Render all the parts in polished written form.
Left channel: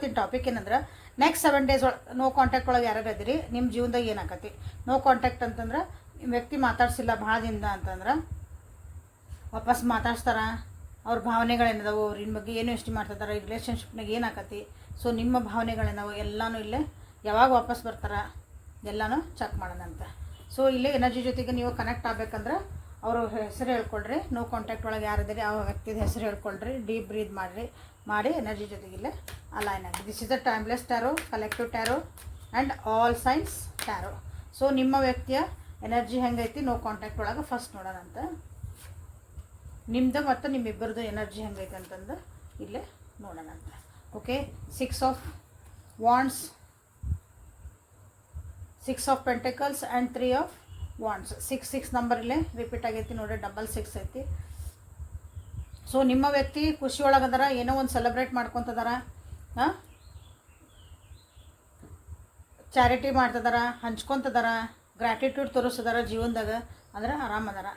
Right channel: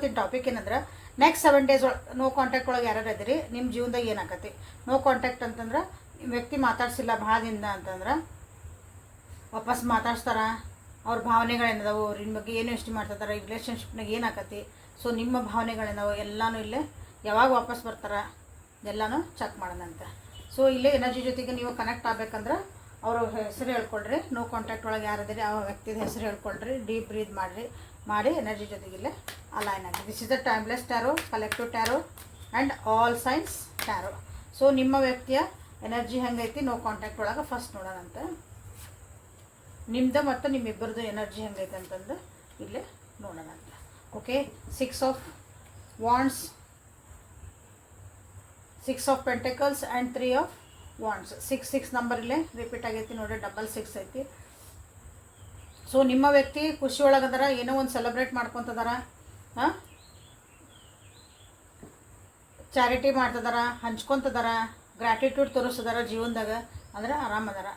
ಇವತ್ತಿನ ಟಾಪಿಕ್ ಏನಂದ್ರೆ next 7 days no contact ಒಳಗೆ ಯಾರು ಇದ್ದೀರಿ ನಿಮ್ಮ ಜೀವನದಾಗ ಏನಾಗತ್ತೆ. ನೋ ಕಾಂಟ್ಯಾಕ್ಟ್ ಅಂತಂದ್ರೆ ವ್ಯಕ್ತಿ ಮಾತಾಡ್ಸಿಲ್ಲ ಭಾಳ ದಿನದ ಅಂತಂದ್ರೆ ವಾಪಸ್ ಮಾತಾಡ್ಸ್ತಾರ. ಅವ್ರ ಭಾವನೆಗಳೇನದಾವು, ಅವ್ರ ಇನ್ ಬಗ್ಗೆ ಏನು ಯೋಚನೆ ಮಾಡ್ತಿರ್ತಾರೆ, ಈ ರಿಲೇಷನ್ಶಿಪ್ನಾಗ ಏನಾಗತ್ತೆ. ಸೊ ನಿಮ್ಮ ಭಾವನೆಗಳೇನವು ಎಲ್ಲನೂ ಇಲ್ಲೇ ಯಾವಾಗ ವಾಪಸ್ ಬರ್ತಾರೆ ಎಲ್ಲನೂ ಚೆಕ್ ಮಾಡೋಣಂತೆ. ಸೊ ಇಲ್ಲೇ ಎನರ್ಜಿ ಜೊತೆಗೆ ನೀವು ಕನೆಕ್ಟ್ ಆಗಬೇಕಂದ್ರೆ ಅವ್ರ ಹೆಸರು ಹೇಳ್ಕೊಳ್ರಿ. ನೋ ಕಾಂಟ್ಯಾಕ್ಟ್ ಒಳಗೆ ಯಾರಿದ್ದೀರಿ ಆ ವ್ಯಕ್ತಿದ ಹೆಸರು ಹೇಳ್ಕೊಳ್ರಿ. ಡೀಪ್ ಬ್ರೀತ್ ಮಾಡಿ ಎನರ್ಜಿ ಜೊತೆಗೆ ಇಲ್ಲೇ ಅಲೈನ್ ಆಗಿ. This is the timeless tarot, collective tarot and all signs tarot. So ನಿಮ್ಮ ವ್ಯಕ್ತಿಯ ಎನರ್ಜಿ ಹೆಂಗೈತಿ ನೋ ಕಾಂಟ್ಯಾಕ್ಟ್ ಒಳಗೆ ಫಸ್ಟ್ ನೋಡೋಣಂತ. ನಿಮ್ದು ಮತ್ತು ನಿಮ್ಮಿಬ್ಬರದು ಎನರ್ಜಿ ಹೆಂಗೈತೆ ಅಂತಂದು ಇಲ್ಲೇ ನೋಡೋಣಂತ. Okay, 6 of wands, 6 of pentacles and 3 of wands. 6 number ಇಲ್ಲೇ ರಿಪೀಟ್ ಆಗೈತಿ ನೋಡಿ, 6 ಐತಿ. ಸೊ ನಿಮ್ಮ ವ್ಯಕ್ತಿ ಖುಷಿ ಒಳಗದಾರ, ಏನೋ ಒಂದು ಸೆಲೆಬ್ರೇಟ್ ಮಾಡ್ಕೊತದಾರ, ಚಾರಿಟಿ ಮಾಡ್ತದಾರ, ಹಂಚ್ಕೊತದಾರ, ಗ್ರ್ಯಾಟಿಟ್ಯೂಡ್ ತೋರಿಸ್ತಿದಾರ ಜೀವನದಾಗ, ಅಂದ್ರೆ ಆರಾಮದಾರ.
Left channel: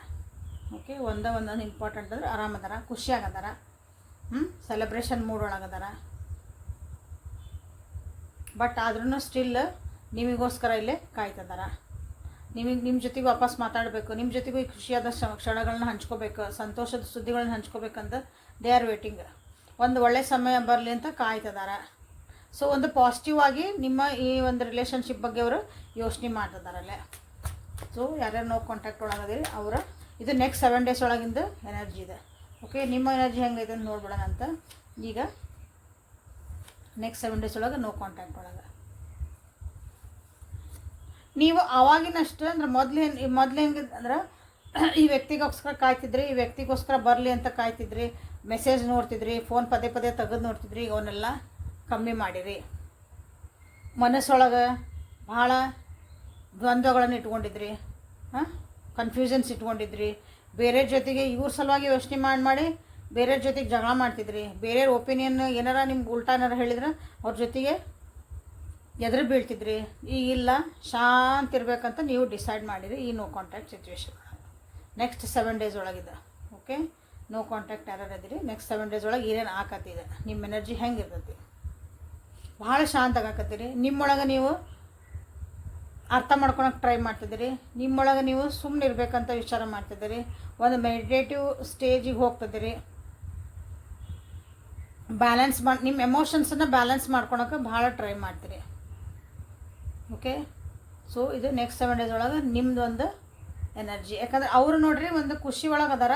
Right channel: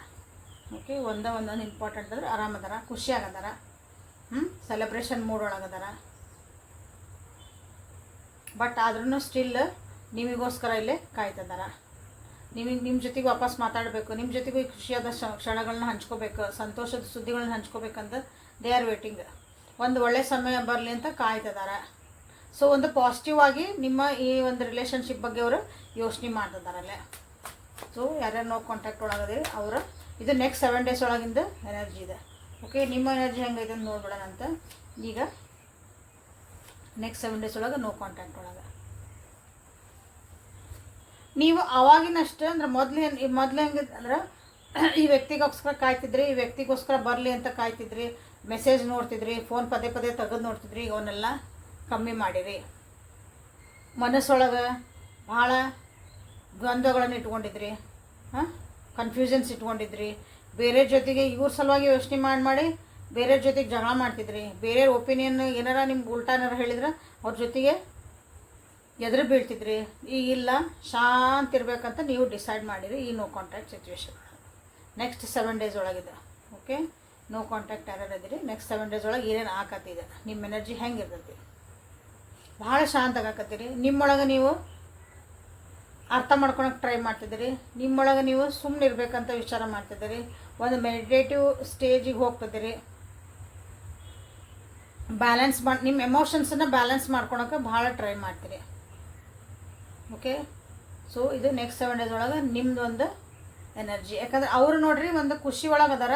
ಓಕೆ, ಒಂದೊಂದು ಇಂಪಾರ್ಟೆಂಟ್ ಅಂದ್ರೆ ಆರಾಮದಾರ, ಖುಷಿಯಾಗದಾರ, ಸೆಲೆಬ್ರೇಷನ್ ಮೂಡ್ ಒಳಗದಾರ. ಬಟ್ ಆದ್ರೂ ಸ್ಟಿಲ್ ನಿಮಗೋಸ್ಕರ ಇಲ್ಲೇ ಕಾಯ್ತಿದಾರ. ನಿಮ್ಮ ಜೊತೆಗೆ ವಾಪಸ್ ಮಾತಾಡಬೇಕು, ನಿಮ್ಮ ಜೊತೆಗೂ ಖುಷಿಯಾದ ಕ್ಷಣಗಳನ್ನ ಹಂಚ್ಕೋಬೇಕು, ಸಂತೋಷದ ಸುದ್ದಿಗಳನ್ನ ಹಂಚ್ಕೋಬೇಕಂದ್ರೆ ದೇ ಆರ್ ವೇಟಿಂಗ್. ಒಂದು ಒಳ್ಳೆ ಸಮಯ ಬರಲಿ ಅಂತ ಕಾಯ್ತಿದ್ದಾರೆ. ಸೊ ಒಂದು ಪಾಸಿಟಿವ್ ಆಗಿ ನಿಮ್ಮ ಈ ಒಂದು ರಿಲೇಷನ್ಶಿಪ್ ಬಗ್ಗೆ ಅವರು ಯೋಚನೆ ಮಾಡ್ತಿದ್ದಾರಲ್ಲೇ. ಸೊ ಯಾರ್ಯಾರು ನೋ ಕಾಂಟ್ಯಾಕ್ಟ್ ಒಳಗದಿರಿ ಅವರು ಇದು ನೆಕ್ಸ್ಟ್ 7 ಡೇಸ್ ಒಳಗಿಂದ ಎನರ್ಜಿ ಇದೆ. ಓಕೆ, ನಿಮ್ಮ ಎನರ್ಜಿ ಹೆಂಗೈತೆ ಅಂತ ನೋಡ್ಬಿಡೋಣ ಅಂತ. ಈಗ ನೆಕ್ಸ್ಟ್ 7 ಡೇಸ್ ಒಳಗೆ ನೋ ಕಾಂಟ್ಯಾಕ್ಟ್ ಒಳಗೆ ನೀವು ಅವಾಗಿನಷ್ಟು ಅಂದ್ರೆ ಮೊದಲು ಹೆಂಗೆ ಅಂದ್ರೆ ಈ ವ್ಯಕ್ತಿಗೋಸ್ಕರ ಕಾಯ್ತಿದ್ರಿ, ಈ ವ್ಯಕ್ತಿಗೋಸ್ಕರ ಬರಲಿ ಅಂತ ಕಾಯ್ತಿದ್ರಿ, ಮೆಸೇಜ್ ನೋಡ್ತಿದ್ರಿ, ಫೋನ್ ಪದೇ ತೆಗೆದು ನೋಡ್ತಿದ್ರಿ. ಈಗ ಅವನ್ನೆಲ್ಲ ಕಮ್ಮಿ ಮಾಡಿರಿ. ಮನಸ್ಸೊಳಗೆ ಭಾಳ ದ್ವಂದ್ವಗಳನ್ನು ಇಟ್ಕೊಂಡಿದ್ರಿ, ಕನ್ಫ್ಯೂಷನ್ಸ್ ಇಟ್ಕೊಂಡಿದ್ರಿ, ಬೇರೆ ಜೊತೆಗೆ ಇವ್ರ ಸಲುವಾಗಿ ಯೋಚನೆ ಮಾಡಿ ಬೇರೆ ಜೊತೆಗೆ ಜಗಳ ಮಾಡ್ತಿದ್ರಿ, ಬೇರೆ ಒಪಿನಿಯನ್ ಏನಾರ ನಿಮ್ಗೆ ಉಲ್ಟಾನಾರ ಹೇಳಿದ್ರೆ ಅವ್ರ ಜೊತೆಗೆ ಎದುರು ಬೀಳ್ತಿದ್ರಿ. ಈಗಿಲ್ಲ, ಶಾಂತಿ ಇರಬೇಕಂತ ನೀವು ಡಿಸೈಡ್ ಮಾಡಿರಿ ಈ no contact situation next 7 days ಒಳಗಿದೆ. ಓಕೆ, ನೋ ಕಾಂಟ್ಯಾಕ್ಟ್ ಯಾರು ಇದ್ದೀರಿ ನೆಕ್ಸ್ಟ್ 7 ಡೇಸ್ ಒಳಗೆ ಏನೇನು ಆಕತ್ತಿದೆ, ನಿಮ್ಮ ಎನರ್ಜಿ ಹೆಂಗಿರ್ತೈತಿ, ಭಾಳ ಶಾಂತ ಆಗಾಕತ್ತೀರಿ. ನಿಮ್ಮೊಳಗೆ ನೀವು ಅರ್ಥ ಮಾಡ್ಕೊಳಕ್ಕೆ ಟ್ರೈ ಮಾಡ್ತಿದ್ದೀರಿ, ನಿಮ್ಮೊಳಗೆ ನೀವು ಸುಮ್ಮನೆ ಇರಬೇಕಂತ ವಿಚಾರ ಮಾಡ್ತಿದ್ದೀರಿ, ಒಂದು ಮೆಡಿಟೇಟಿವ್ ಸ್ಟೇಜಿಗೆ ಹೋಗ್ತಿದ್ದೀರಿ. ಬ್ಯಾಲೆನ್ಸ್ ನಿಮ್ಮ ಎಮೋಷನ್ಸನ್ನು ಬ್ಯಾಲೆನ್ಸ್ ಮಾಡ್ಕೊಳಕ್ಕೆ ಭಾಳ ಟ್ರೈ ಮಾಡ್ತೀರಿ. ಓಕೆ, ಸೊ ಇದು ನೆಕ್ಸ್ಟ್ 7 ಡೇಸ್ ಒಳಗೆ ನಿಮ್ದು ಒಂದು ಎನರ್ಜಿ. ಯಾಕಂದ್ರೆ ಅವರು ನೋಡ್ರಿ ಒಂದು ಖುಷಿ ಒಳಗೆ ಅದಾರ,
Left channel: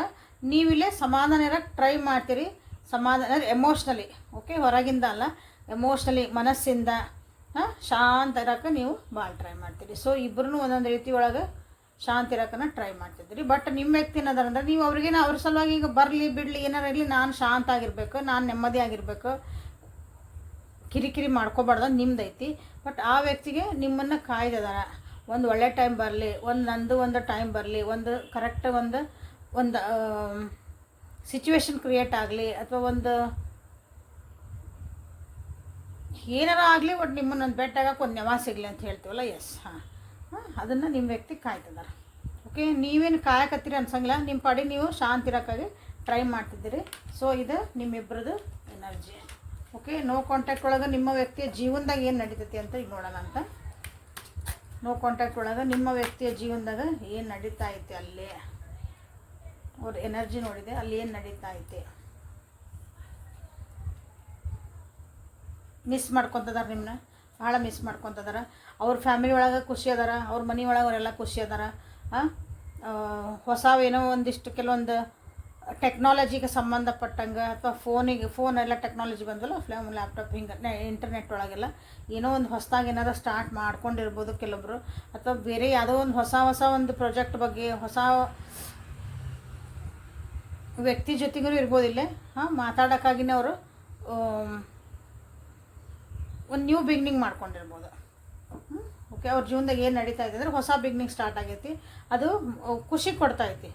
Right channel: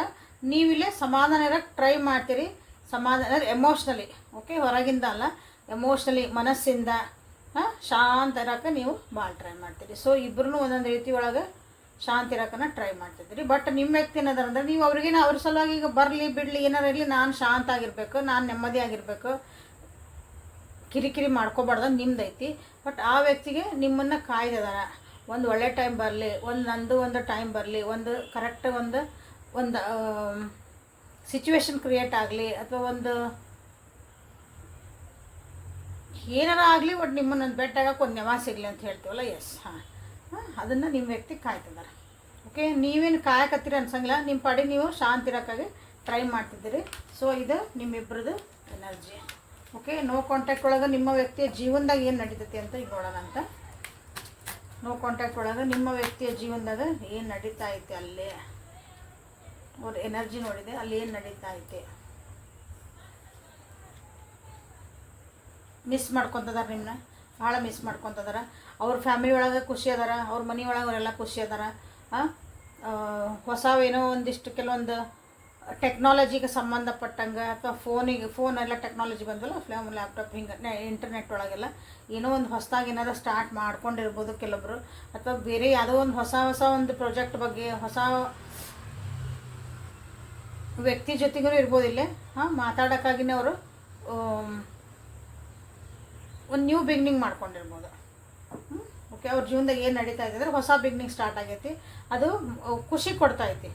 ನೀವಿಲ್ಲೇ ಸಮಾಧಾನ ಇರೋಕ್ಕೆ ಟ್ರೈ ಮಾಡ್ತೀರಿ. ಸಮಾಧಾನ ಅಂದರೆ ಎಮೋಷ್ನಲಿ, ಓಕೆ, ಹೊರಗಿಂದ ಅಲ್ಲ, ಎಮೋಷ್ನಲಿ ಮನಸ್ಸಿಂದ ಶಾಂತ ಇರೋಕ್ಕೆ ನೀವು ಭಾಳ ಟ್ರೈ ಮಾಡ್ತೀರಿ. ಸೊ ಇಬ್ಬರೂ ಒಂದೊಂದು ರೀತಿ ಒಳಗೆ ಶಾಂತಿ ಇರೋಕ್ಕನ್ನ ಟ್ರೈ ಮಾಡ್ತಿದ್ದೀರಿ. ಬಟ್ ನಿಮ್ಮ ವ್ಯಕ್ತಿ ಏನದಾರ ಅಂದ್ರೆ ನೀವು ಅವ್ರಿಗೇನು ಅವ್ರ ಸಲುವಾಗಿ ಈಗ ಬರಲಿ ಬಿಡಲಿ ಏನಾರು ಇರಲಿ, ನಾನು ಶಾಂತ ಆಗಿರಬೇಕು, ನಾನು ನೆಮ್ಮದಿ ಆಗಿರಬೇಕು, ಕಿರಿಕಿರಿ ಮಾಡ್ಕೋಬಾರ್ದು ನಿಮ್ದೈತಿ. ಬಟ್ ಆ ವ್ಯಕ್ತಿಗೆ ನಿಮ್ಮನ್ನು ಕಾಯ್ದಿದಾರ. ಒಂದು ಒಳ್ಳೆ ಟೈಮ್ ಬರಲಿ, ಒಂದು ಟೈಮ್ ಬರಲಿ, ಒಂದು ಕರೆಕ್ಟ್ ಒಂದು ಸಿಚುವೇಶನ್ ಕ್ರಿಯೇಟ್ ಆಗಲಿ, ಅಥವಾ ಒಂದು ಏನಾರ ಆಗಲಿ, ಬಟ್ ನಿಮ್ಮನ್ನೊಂದು ಬೆಟ್ಟಾಗಕ್ಕೆ ಒಂದು ನೆವ ಸಿಗಲಿ ಅಂತ ಹೇಳ್ತೀವಲ್ಲ, ಎಸ್, ಅದನ್ನು ನಿಮ್ಮ ವ್ಯಕ್ತಿ ಕಾಯ್ತಿದ್ದಾರೆ. ಓಕೆ, ನೀವೇನು ಕಾಯಕತ್ತೀರಿ ಅನ್ಸಂಗಿಲ್ಲ, ನಿಮ್ಮ ಪಾಡಿ ನೀವು ಶಾಂತಿ ಇರೋಕ್ಕಾಗಿ ಟ್ರೈ ಮಾಡ್ತಿದ್ದೀರಿ. ಸೊ ಇದು ನಿಮ್ಮಿಬ್ಬರದು ಎನರ್ಜಿ. ಓಕೆ, ನೋ ಕಾಂಟ್ಯಾಕ್ಟ್ ಒಳಗೆ ನಿಮ್ಮ ವ್ಯಕ್ತಿಯ ಜೀವನದಾಗ ಏನು ನಡೀತೈತಿ ಅಂತ ಈಗ ನೋಡೋಣ ಅಂತ. ನೋ ಕಾಂಟ್ಯಾಕ್ಟ್ ಒಳಗೆ ನಿಮ್ಮ ವ್ಯಕ್ತಿಯ ಜೀವನದಾಗ ಏನು ನಡೀತಾ ಐತೆ, ಅಲ್ಲೇ ಅವ್ರ ಎನರ್ಜಿ ನೋಡಿದೆ, ಅಲ್ಲಿ ಏನು ನಡೀತಾ ಐತೆ. ಮಿಸ್ ಮಾಡ್ಕೊತದಾರ, ನಿಮ್ಮನ್ನ ಭಾಳ ಮಿಸ್ ಮಾಡ್ಕೊತದಾರ. ಅವ್ರ ಫ್ಯಾಮಿಲಿ ಒಳಗೆ ಖುಷಿ ಅದಾರ, ಅವ್ರ ಮನೆ ಒಳಗೆ ಅವರೆಲ್ಲ ಖುಷಿ ಅದಾರ. ಹೊಸವೇನೋ ಒಂದಿಷ್ಟು ಕೆಲವೊಂದು ಟೆಕ್ನಾಲಜಿಗೆ ಸಂಬಂಧಪಟ್ಟಂಗೆ, ಅಥವಾ ಫೋನ್ ಎಲ್ಲ ಟೆಕ್ನಾಲಜಿ ಬಂದಲ್ಲ, ಲ್ಯಾಪ್ಟಾಪ್ ಹಿಂಗೆ ಇಂಟರ್ನೆಟ್ ಒಳಗೆಲ್ಲ ಏನೋ ಒಂದು ಹೊಸದಾಗಿ ಏನಾದ್ರು ಸ್ಟಾರ್ಟ್ ಮಾಡ್ಕೊಂಡಿರ್ಬೋದು ಕೆಲವೊಬ್ರು, ಅಥವಾ ಬೇರೆ ಯಾವುದೋ ಒಂದು ಹೊಸ ಒಂದು ಪ್ರಾಜೆಕ್ಟ್ ಬಗ್ಗೆ ಹೊಸ ವ್ಯಕ್ತಿ ಜೊತೆಗೂ ಇರ್ಬೋದಿಲ್ಲ. ಮಾತಾಡೋಕ್ಕಾಗಿನೇ ಅವರು ಒಂದು ನ್ಯೂ ಬಿಗ್ನಿಂಗ್ ಮಾಡ್ಕೊಂಡಿರ್ಬೋದು. ಓಕೆ, ಅವ್ರ ಜೀವನದಾಗ ಏನು ನಡೀತಾ ಇದೆ ಅಂದರೆ ಹೊಸ ಬಿಗ್ನಿಂಗ್ ಸ್ಟಾರ್ಟ್ ಆಗೈತಿ, ಅದು ಖುಷಿ ಕೊಡ್ತಾ ಐತಿ.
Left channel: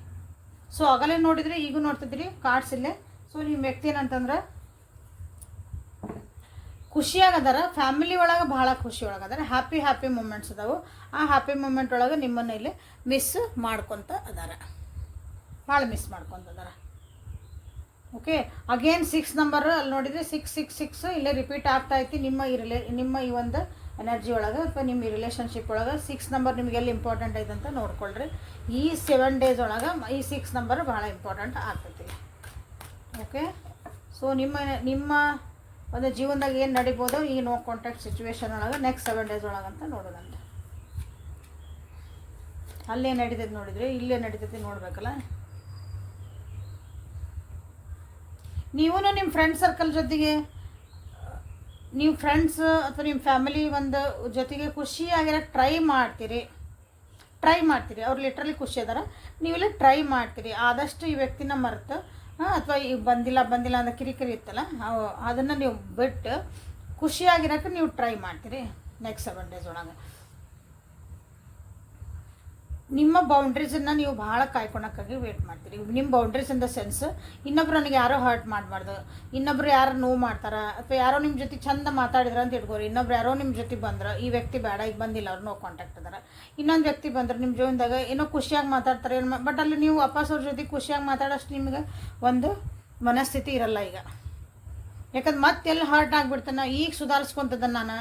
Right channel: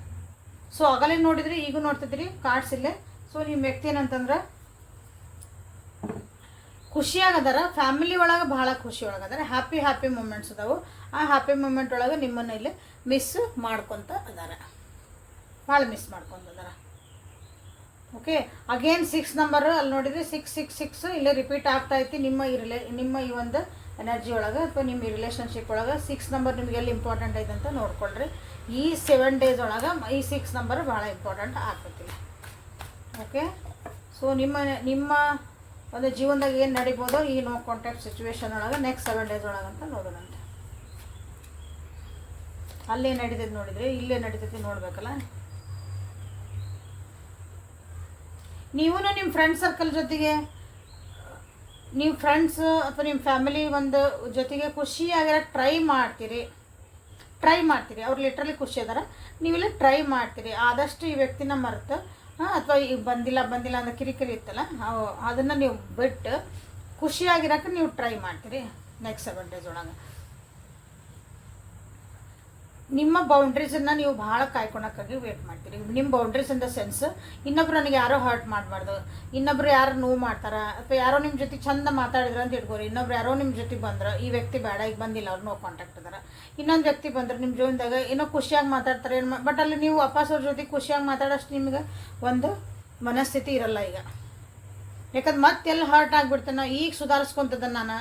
ಸೊ ಆಗಲೇ ನೋಡಿದ್ರಿ, ಈಗ ನೋಡ್ತಿದ್ರಿ ಕಾರ್ಡ್ಸ್ ಇಲ್ಲೇ. ಸೊ ನಿಮ್ಮ ವ್ಯಕ್ತಿ ಏನಂತಂದ್ರೆ ಖುಷಿಯಾಗದಾರ, ಫ್ಯಾಮಿಲಿ ಒಳಗೆ ಭಾಳ ಖುಷಿ ಒಳಗದಾರ, ಹ್ಯಾಪಿ ಮೂಮೆಂಟ್ಸ್ ಅದಾವು. ಆ ಹ್ಯಾಪಿ ಮೂಮೆಂಟ್ ಒಳಗೆ ನಿಮ್ಮನ್ನು ಇಲ್ಲಿ ಮಿಸ್ ಮಾಡ್ಕೊತ ಅದಾರ, ಭಾಳ ಮಿಸ್ ಮಾಡ್ಕೊತ ಅದಾರ. ಓಕೆ. ಅಗೇನ್ 6 ನಂಬರ್ ಅಲ್ಲಿ ನೋಡಿದ್ರೆ 666 ಇಲ್ಲೇ ರಿಪೀಟ್ ಆಗ್ತಾ ಐತಿ ನಿಮ್ಮ ಈ ಒಂದು ಎನರ್ಜಿ ಒಳಗೆ ಅಥವಾ ನಿಮ್ಮ ಈ ರಿಲೇಷನ್ಶಿಪ್ ಒಳಗೆ 6 ನಂಬರ್ ನಿಮ್ಗೆ ಎಲ್ಲಿ ಇಂಪಾರ್ಟೆಂಟ್ ಐತೆ ಅಂತ ನೋಡ್ಕೊಳ್ರಿ. ಈ 7 ಡೇಸ್ ಒಳಗೆ ಈ 6 ನಂಬರ್ ಭಾಳ ಇಂಪಾರ್ಟೆಂಟ್ ಆಗ್ತೈತಿ. ಓಕೆ. ಸೊ ನಿಮ್ಮ ಒಂದು ಜೀವನದಾಗ ಏನು ನಡಿಬೋದು ಈ ನೋ ಕಾಂಟ್ಯಾಕ್ಟ್ ಸಿಚುವೇಶನ್ ಒಳಗೆ ನೆಕ್ಸ್ಟ್ 7 ಡೇಸ್ ಒಳಗೆ ಅಂತ ನೋಡೋಣಂತೆ. ಅಲ್ಲೇ ನಡೀತೈತೆ ನೋಡಿದ್ರಿ, ಇಲ್ಲೇ ನಡೀತೈತಿ ನೋಡ್ಬೇಕಲ್ಲ. ನೀವು ನಿಮ್ಮ ಫ್ರೆಂಡ್ ಸರ್ಕಲ್ ಜೊತೆಗೆ, ನೀವು ಫ್ರೆಂಡ್ಸ್ ಅಥವಾ ನಿಮ್ಮ ಫ್ಯಾಮಿಲಿ ಒಂದು ಜೊತೆಗೆ ಖುಷಿಯಾಗಿರೋ ಟ್ರೈ ಮಾಡ್ತೀರಿ. ಅವ್ರು ಲಿಟ್ರಲಿ ಖುಷಿ ಅದಾರ, ನೀವೆಲ್ಲ ಟ್ರೈ ಮಾಡ್ತೀರಿ. ಆದಷ್ಟು ಈ ವ್ಯಕ್ತಿನ ಮರೆತು ಅಥವಾ ಈಗ ಬಂದಿಲ್ಲ ಅಂತ ಕಿರಿಕಿರಿ ಇತ್ತಲ್ಲ ಅದನ್ನು ನೀವು ಬಿಟ್ಟು ಖುಷಿಯಾಗಿರೋಕೆ ನೀವು ಟ್ರೈ ಮಾಡ್ತೀರಿ ನೆಕ್ಸ್ಟ್ 7 ಡೇಸ್ ಒಳಗೆ. ನಿಮ್ಮ ಬೌಂಡ್ರೀಸನ್ನು ನೀವು ಭಾಳ ಕಾಯ್ಕೊಳಕ್ಕಾಗಿ ವೇಟ್ ಮಾಡ್ತೀರಿ. ನಿಮ್ಮ ಬೌಂಡ್ರೀಸ್ ಇನ್ ದ ಸೆನ್ಸ್ ಇನ್ನೊಬ್ರು ನನಗೆ ಯಾರೋ ಹರ್ಟ್ ಮಾಡಬಾರ್ದು, ಇನ್ನೊಬ್ರು ಯಾರು ನೋವು ಮಾಡ್ತಾರೆ ಅಥವಾ ಯಾರೋ ನಿಮ್ಮ ಜೊತೆ ಚಂದ ಮಾತಾಡಿದ್ರೆ ಅಂತ ಇಟ್ಕೋರಿ. ಇನ್ನೊಬ್ರು ಯಾರೋ ನಿಮ್ಮ ಜೊತೆ ಬಂದ್ರೆ ಈ ವ್ಯಕ್ತಿ ಬೇಡ, ಈಗ ಬಂದಿಲ್ಲ, ಅವ್ರು ನೋ ಕಾಂಟ್ಯಾಕ್ಟ್ ಅದಾರ. ಇನ್ನೊಂದು ವ್ಯಕ್ತಿ ಬಂದ್ರೆ ನಿಮ್ಮ ಜೀವನದಾಗ ಏನೋ ಖುಷಿಯಾಗಿ ಮಾತಾಡ್ತಾರೆ, ಬಟ್ ಅಲ್ಲಿ ನೀವು ವಾಪಸ್ ಅವ್ರ ಜೊತೆ ಖುಷಿಯಾಗಿ ಮಾತಾಡೋಷ್ಟು ನಿಮ್ಗೆ ಒಂದು ಮನಸ್ಥಿತಿ ಇರಲ್ಲ ಈಗ. ಯಾಕಂದ್ರೆ ಮತ್ತೆಲ್ಲಿ ಹರ್ಟ್ ಆಗಿಬಿಡ್ತಾನೆ. ಈಗ ಸುಧಾರಿಸ್ಕೊತದ ನಾನು,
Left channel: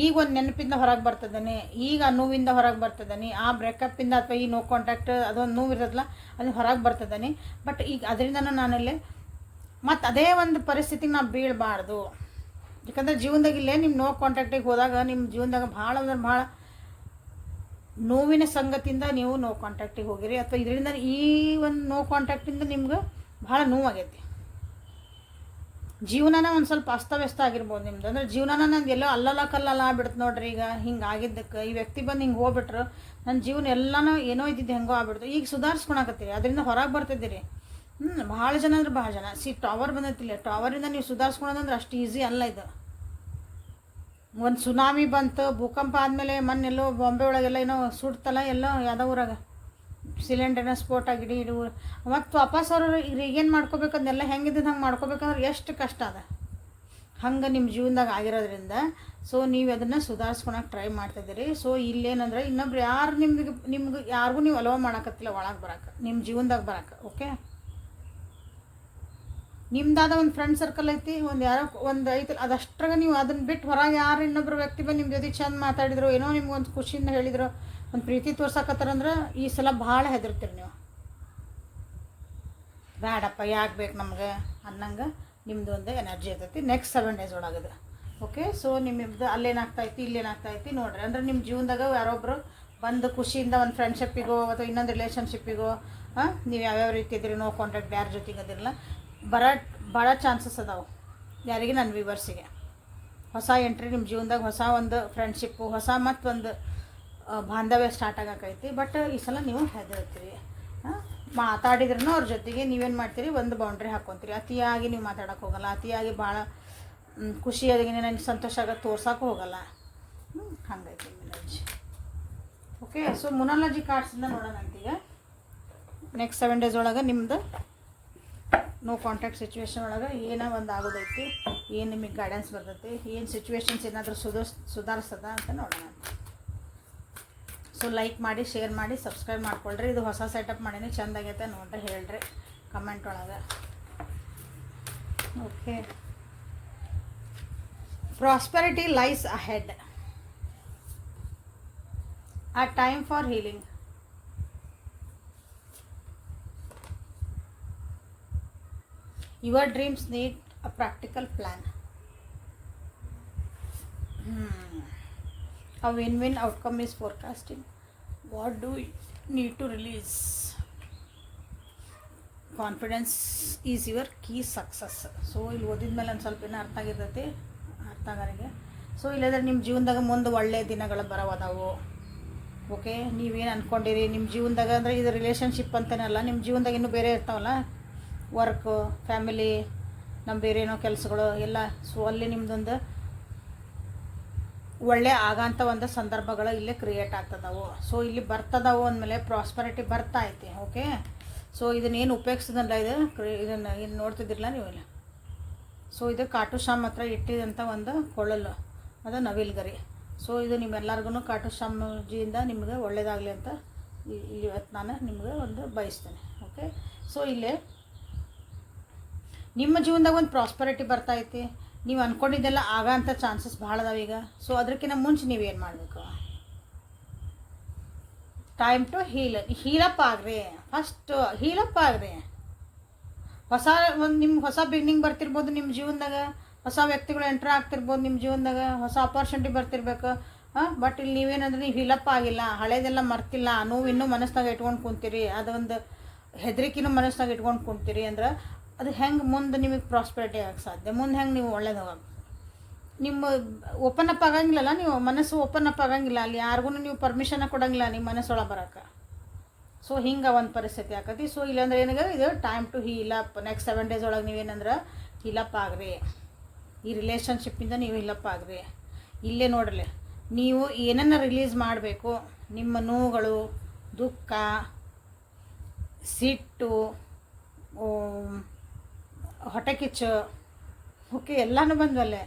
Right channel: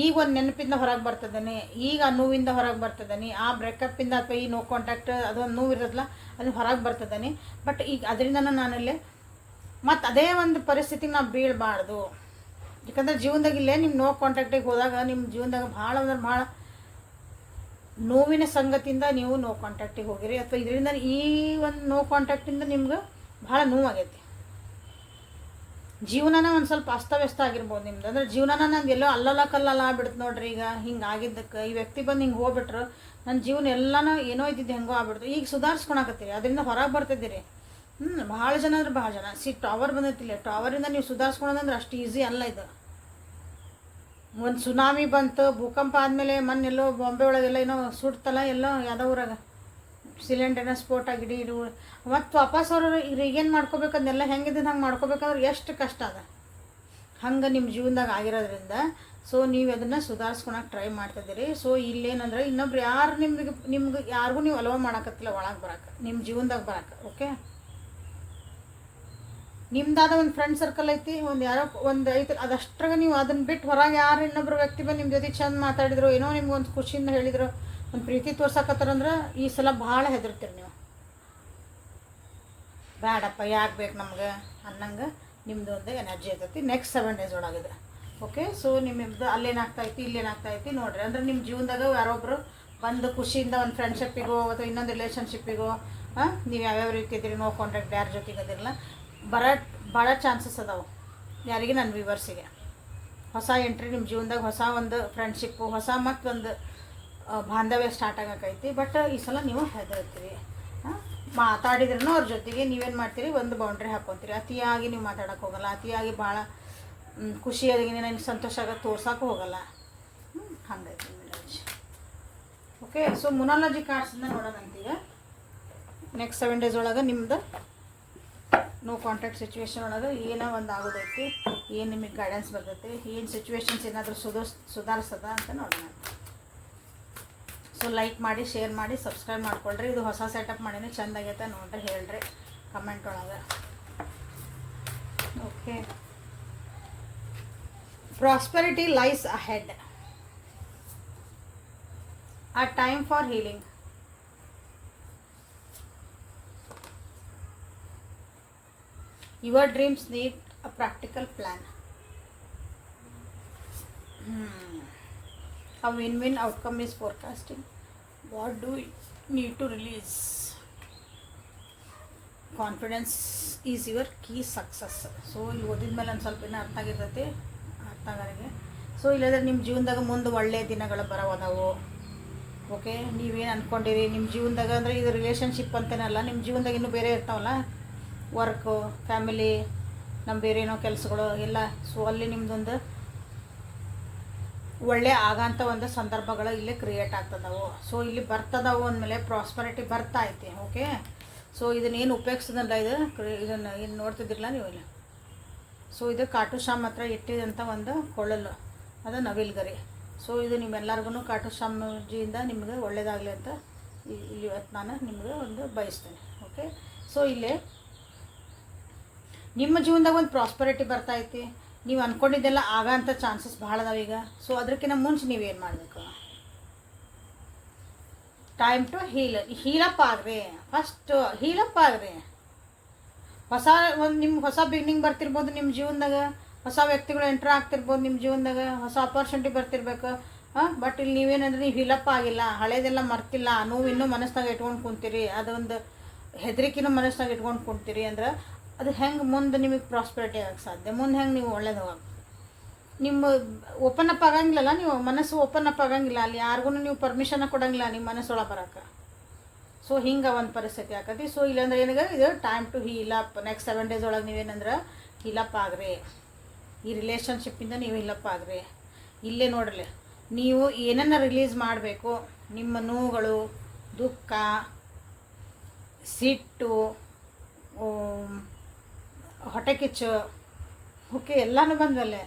ಈಗ ಒಂದು ನೆನಪಿಂದ ಹೊರಗೆ ಬರ್ತದೇನೆ, ಈಗ ಆ ನೋವಿಂದ ಹೊರಗೆ ಬರ್ತದೇನೆ, ಆ ಬ್ರೇಕಪ್ಪಿಂದ ಅಥವಾ ಈ ನೋ ಕಾಂಟ್ಯಾಕ್ಟ್ ಅದೊಂದು ನೋವು ಇರೋದಲ್ಲ ಅದು ಹೊರಗೆ ಬರ್ತದೇನೆ. ಬಟ್ ಈಗ ಅದರಿಂದ ನಾನಲ್ಲಿ ಮತ್ತು ಅದೇ ಒಂದು ಪರಿಸ್ಥಿತಿಗೆ ನಾವು ಬೀಳಬಾರ್ದು. ಯಾಕಂದರೆ ಜೀವನದಾಗ ಇಲ್ಲೇ ನಿಮ್ಮ ನೋ ಕಾಂಟ್ಯಾಕ್ಟಿಗೆ ಹೋದಾಗ ನಿಮ್ಮ ಜೀವನದಾಗ ಭಾಳ ಅಂದ್ರೆ ಭಾಳ ನೋವಿನ ಸಂಗತಿಯಿಂದ ನೀವು ನೋ ಕಾಂಟ್ಯಾಕ್ಟಿಗೆ ಹೋಗಿರಿ, ಅಥವಾ ಇದರಿಂದ ಈ ಒಂದು ನೋ ಕಾಂಟ್ಯಾಕ್ಟಿಂದ ನಿಮ್ಗೆ ಭಾಳ ನೋವಾಗೈತಿ. ಜೀವನನ ಒಂದು ಸ್ವಲ್ಪ ಅಸ್ತವ್ಯಸ್ತ ಆಗಿರ್ಬೋದು ನಿಮ್ದು. ಅಂದ್ರೆ ಜೀವನನ ನಂದು ಎಲ್ಲೋ ಅಲ್ಲಲ್ಲ ಕಲ್ಲಲ್ಲ ಆಗ್ಬಿಡ್ತು ನೋಡ್ರಿ. ಈಗ ಹಿಂಗೆ ಆಗಿದ್ದಕ್ಕೆ ಈ ವ್ಯಕ್ತಿ ಬಂದು ಹಿಂಗೆ ಹೋಗ್ಬಿಟ್ರು ನನ್ನ ಜೀವನ ಎಲ್ಲನೂ ಏನೋ ಇದ್ದಿದ್ದು ಹೆಂಗೋ ಆಗ್ಬಿಡ್ತು. ಈಗ ಸುಧಾರಿಸ್ಕೊಳಕತ್ತೀರಿ, ಅದರಿಂದ ಹೊರಗೆ ಬರ್ತಿದ್ದೀರಿ. ಭಾಳ ಜನ ಅಂದ್ರೆ ಭಾಳ ಜನ ಟವರ್ ಬಂದೈತಿಲ್ಲ, ಟವರಿಂದ ನೀವು ಸುಧಾರಿಸ್ಕೊಳೋದಂದ್ರೆ ಅಷ್ಟು ಈಸಿ ಅಲ್ಲ ಇದು. ಒಂದು ಸುನಾಮಿ ಬಂತು, ಭೂಕಂಪ ಆದಮೇಲೆ ಮೊನ್ನೆಲ್ಲೋ ಬಾಂಬೆ ಒಳಗೆಲ್ಲ ಏನೋ ಸುಡ್ತಲ್ಲ, ಎಲ್ಲೋ ಯಾವುದೋ ಊರಾಗ ಸಿಲಿಂಡರ್ನ ಸ್ಫೋಟ ಆಗಿಡಿ ಇಡು ಮತ್ತು ವಾಪಸ್ ಅವರು ಈಗೇನು ಮಾಡ್ಕೋಬೇಕು ಅದನ್ನೆಲ್ಲ ಹೆಂಗಿದ್ದು ಹಂಗೆ ಮಾಡ್ಕೋಬೇಕಂದ್ರೆ ಎಷ್ಟು ಕಷ್ಟ ಅದ. ಹಂಗೆ ನಿಮ್ಮ ಜೀವನದಾಗ ಆಗಿರೋದ್ರಿಂದ ಸೊ ನೀವು ಅದನ್ನು ಸುಧಾರಿಸ್ಕೊಳಕ್ಕೆ ಟ್ರೈ ಮಾಡ್ತಿದ್ದೀರಿ. ಸೊ ಇಲ್ಲೇನಂದ್ರೆ ಇನ್ನೊಬ್ರು ಯಾರು ನಿಮ್ಗೆ ಯಾರಿಗೂ ನೀವು ಅಲೋ ಮಾಡೋಕತ್ತಿಲ್ಲ ಒಳಗೆ ಬರೋಕೆ, ನಿಮ್ಮ ಜೀವನದಾಗ ಬರೋಕೆ. ಓಕೆ. ನಿಮ್ದಾದ ಒಂದು ಫ್ರೆಂಡ್ ಸರ್ಕಲ್ ಐತಿ, ಒಂದು ಯಾರೋ ಒಂದು ಐತಿ, ಅದಷ್ಟ್ರಾಗ ನೀವು ಅದನ್ನು ಬಿಟ್ಟು ಹೊರಗೆ ಯಾರು ಇನ್ನೊಬ್ರು ವ್ಯಕ್ತಿ ಬಂದು ನಿಮ್ಮ ಜೊತೆ ಚಂದ ಮಾತಾಡಿದ್ರು, ಏನೋ ನಿಮ್ಗೆ ಒಂದು ಖುಷಿಯಿಂದ ಹೇಳಿದ್ರು, ಒಂದು ಪ್ರೀತಿ ತೋರ್ಸಕತ್ತಾರಂದ್ರೆ ಈ ಸಲ ಭಾಳ ಹೆದರ್ತೀರಿ ನೀವು. ಬೇಡಪ್ಪ ಯಾಕೆ ಬೇಕು ನಮ್ಗೆ ಅನ್ನಂಗೆ ನಿಮ್ಮದು ಒಂದು ಎನರ್ಜಿ ಇರ್ತೈತಿ ನೆಕ್ಸ್ಟ್ 7 ಡೇಸ್ ಒಳಗಿದೆ. ಓಕೆ. ಸೊ ನಿಮ್ಮದು ಅಲ್ಲೇನಾಗ್ತಾಯಿತಿ ಇಲ್ಲೇನಾಗ್ತಾಯಿತಿ ನೋಡ್ರಿ. ಅಂದ್ರೆ ನಿಮ್ಮ ಜೀವನದಾಗ ಯಾರೊಬ್ಬರು ಬಂದು ಖುಷಿಯಿಂದ ಒಂದು ಫ್ರೆಂಡ್ಶಿಪ್ಪಿಗೋ ಅಥವಾ ಇನ್ನೊಂದು ರಿಲೇಷನ್ಶಿಪ್ಪಿಗೋ ನೀವು ಯಾವ್ಯಾವ ರೀತಿ ಇದ್ದೀರಿ, ನೋ ಕಾಂಟ್ಯಾಕ್ಟ್ ಯಾರ ಜೊತೆಗೆ ಅದಿರಲ್ಲ, ಭಾಳ ಚಾನ್ಸಸ್ ಅದಾವೆ. ಯಾರಿಗೆ ನನ್ನ ವ್ಯೂವರ್ಸಿಗೆ ಹೊಸ ಎಂಟ್ರಿ ನಿಮ್ಮ ಜೀವನದಾಗ, ಹೊಸ ಒಂದು ಫ್ರೆಂಡ್ಶಿಪ್ಪು, ಹೊಸ ಮತ್ತೊಂದು ಬಾಂಧವ್ಯ ಸ್ಟಾರ್ಟ್ ಆಗಕ್ಕೈತಿ. ಬಟ್ ಈ ಸಲ ನೀವು ಹೆದರ್ತೀರಿ. ಮಾತಾಡಿದ್ರೂ ಅವ್ರ ಜೊತೆಗೆ ನೀವೇನು ಮಾಡ್ತೀರಿ, ಒಂದು ಬೌಂಡ್ರಿ ಹಾಕ್ಕೊತೀರಿ. ಅತಿಯಾಗಿ ನೀವು ಮಾತಾಡೋಕೆ ಹೋಗಲ್ಲ, ಅತಿಯಾಗಿ ಭಾಳ ಖುಷಿಯಾಗಿ ನನಗೆ ಸಂತೋಷ ಆಗೋದು ತೋರ್ಸೋಕೆ ಹೋಗಲ್ಲ. ಹಂಗೈತಿ ಎನರ್ಜಿ. ಓಕೆ. ಸೊ ಮುನಾಲಜಿ ಕಾರ್ಡ್ಸಿಂದ ನೋಡೋಣ ಅಂತೀಗ ನೆಕ್ಸ್ಟ್ 7 ಡೇಸ್ ಒಳಗೆ ನಿಮ್ಮದು ನೋ ಕಾಂಟ್ಯಾಕ್ಟ್ ಸಿಚುವೇಶನ್ ಒಳಗೆ ಏನೋ ಒಂದು ಆಗೋದೈತಿ, ಏನು ನಿಮಗೆ ಗೈಡೆನ್ಸ್ ಬರ್ತೈತಿ, ಏನು ಸಿಚುವೇಶನ್ಸ್ ಏನಾದರೂ ಸುಧಾರಿಸದ ಅಂತ ನೋಡೋಣ. ಸೊ ಲೈಕ್ ಮಾಡಿ, ಶೇರ್ ಮಾಡಿ, ಸಬ್ಸ್ಕ್ರೈಬ್ ಮಾಡ್ಕೊಳ್ರಿ. ಇದು ಹೊಸ ಸೆಟಪ್ ಮಾಡೀನಿ, ಚೆಂದಾಗೈತೆ ನೋಡ್ರಿ, ಹೇಳ್ರಿ ಕಮೆಂಟ್ ಒಳಗೆ. Okay. Prosperity lies ahead, a time for healing. Your dreams need a practical plan. A win-win outcome is forecasting. What do we need to release? Confidence is your key success. So ಇಲ್ಲಿ ಓದಿದ್ಮೇಲೆ ಒಂದು ಸ್ವಲ್ಪ ಇನ್ನೂ ಅರ್ಥ ಆಗಿರ್ತೈತಿ ಅರ್ಥಗಾರಿಗೆ. So ಇಲ್ಲದ್ರೆ ನಿಮ್ಮ ಜೀವನದಾಗ ಮುಂದೆ ಒಳ್ಳೆಯ ದಿನಗಳು ಬರೋವದಾವು. ಓಕೆ. ನೀವೇನು ಅಂದ್ಕೊಂಡಿರಿ ನಿಮ್ಮ ಜೀವನದಾಗ, ಅಂದರೆ ಇದು ರಿಲೇಷನ್ಶಿಪ್ ಅಂತೇನಲ್ಲ, ನಿಮ್ಮ ಜೀವನದಾಗ ಇನ್ನೂ ಬೇರೆ ಇರ್ತಾವಲ್ಲ, ವರ್ಕು, ಫ್ಯಾಮಿಲಿ, ನಮ್ಮ ಬೇರೆ ಏನೋ ಕೆಲಸಗಳು ಎಲ್ಲ. ಸೊ ಅಲ್ಲಿ ನಿಮ್ಮದೊಂದು ಒಳ್ಳೆ ಆಗೋಂಥ ಒಂದು ಸಂದರ್ಭಗಳು ಇಲ್ಲೇ ಕ್ರಿಯೇಟ್ ಆಗ್ತದವು. ಸೊ ಇಲ್ಲಿ ಬರ್ತದವು ಅಂದಮೇಲೆ ಪ್ರಾಸ್ಪರಿಟಿ ಬರ್ತಾ ಐತಿ. ಓಕೆ. ಸೊ ಇದನ್ನೇನು ಉಪಯೋಗಿಸಿದಲ್ಲ, ಇದನ್ನು ಏನು ನೋಡ್ತಿದ್ದಿರಲ್ಲ ನೀವೆಲ್ಲ. ಸೊ ಇದು ಕಾಟುಶ್ಯಾಮ್ ಹತ್ರ ಇಟ್ಟಿದಂಥ ಒಂದು ಕೊಳ್ಳಲು, ಅದು ನವಿಲ್ಗರಿ. ಸೊ ಇದು ನಿಮ್ಮೆಲ್ಲರಿಗೂ ಕಾಟುಶ್ಯಾಮಜಿಯಿಂದ ನಿಮಗೆ ಒಳ್ಳೆಯದಾಗಲಿ ಅಂತ ಇವತ್ತು ನಾನು ನಿಮಗೆ ಒಂದು ಬಯಸ್ತೇನೆ. ಓಕೆ. ಸೊ ಇಲ್ಲಿ ನಿಮ್ಮ ಜೀವನದಾಗ ಒಂದು ಪ್ರಾಸ್ಪರಿಟಿ ಬರ್ತೈತಿ, ನೀವು ಅಂದ್ಕೊಂಡಿದ್ದೆಲ್ಲ ಆಗೋಂಥ ಚಾನ್ಸಸ್ ಭಾಳ ಅದಾವ ಈಗ. ಸೊ ಅದಕ್ಕಿಂತ ಮುಂಚೆ ನೀವೇನು ಮಾಡಬೇಕು, ಟೈಮ್ ಟು ಹೀಲಪ್ ಆಗ್ರಿ. ಫಸ್ಟ್ ಹೀಲಪ್ ಆಗ್ರಿ. ಹೊಸ ನಿಮ್ಗೆ ಹೊಸ ಬಿಗಿನಿಂಗ್ ಬರ್ತಿರ್ಬೋದು ನಿಮ್ಮ ಜೀವನದಾಗ, ಹೊಸ ವ್ಯಕ್ತಿಗಳು ಎಂಟ್ರ್ ಆಗ್ತಿರ್ಬೋದು ನಿಮ್ಮ ಜೀವನದಾಗ, ಹೊಸ ಅಪರ್ಚುನಿಟಿ ಬರ್ತಿರ್ಬೇಕು. ಬಟ್ ಇಲ್ಲಿ ನೀವೇನಂದ್ರೆ ನೀವು ಹೀಲಪ್ ಆಗಿಲ್ಲ, ಹಳೇದೆಲ್ಲ ಮರ್ತಿಲ್ಲ, ನೋವು ಇನ್ನೂ ಮನಸ್ಸಿನಾಗ ಇಟ್ಕೊಂಡು ಕುಂತೀರಿ, ಅದೊಂದು ಹೆದರಿಕೆನೂ ಮನಸ್ಸಿನಾಗ ಇಟ್ಕೊಂಡು ಕುಂತೀರಿ ಅಂದ್ರೆ ಅದು ಹೆಂಗೆ ಮುಂದೆ ನಿಮಗೆ ಪ್ರಾಸ್ಪರಿಟಿ ಆಗಕ್ಕೆ ಸಾಧ್ಯ? ಮುಂದೆ ಹೆಂಗೆ ನೀವು ಒಳ್ಳೇದು ನಿಮ್ಮ ಓಪನ್ ಅಪ್ ಆಗಂಗಿಲ್ಲಲ್ಲ, ನೀವು ಮನಸ್ಸು ಓಪನ್ ಅಪ್ ಆಗಂಗಿಲ್ಲ, ಅಲ್ಲಿ ಯಾರಿಗೂ ನೀವು ಪರ್ಮಿಷನ್ ಕೊಡಂಗಿಲ್ಲ ನಿಮ್ಮ ಮನಸ್ಸೊಳಗೆ ಬರೋಕೆ. ಸೊ ಹಿಂಗೆ ಒಂದು ಪರಿಸ್ಥಿತಿ ಆಕತಿ. ಸೊ ಇಲ್ಲಾಂದ್ರೆ ಏನಾಗ ಇದು ಟೈಮ್ ಟು ಹೀಲಪ್. ನೆಕ್ಸ್ಟ್ 7 days ಒಳಗೆ ನೀವೇನಂದ್ರೆ ಹೀಲಪ್ ಆಗ್ರಿ, ಈ ರಿಲೇಷನ್ಶಿಪ್ಪಿಂದ ನೀವು ಹೀಲಪ್ ಆಗ್ರಿ. ಇಲ್ಲೇ ನೋಡ್ರಿ, ನೀವು ಏನನ್ನ ರಿಲೀಸ್ ಮಾಡಬೇಕು, ನಿಮ್ಮ ನೋವುಗಳು, ದುಃಖ, ಸಿಟ್ಟು, ಹೊಟ್ಟೆಕಿಚ್ಚು, ಓಕೆ, ಎಲ್ಲನೂ ಬಂದವಲ್ಲೇ.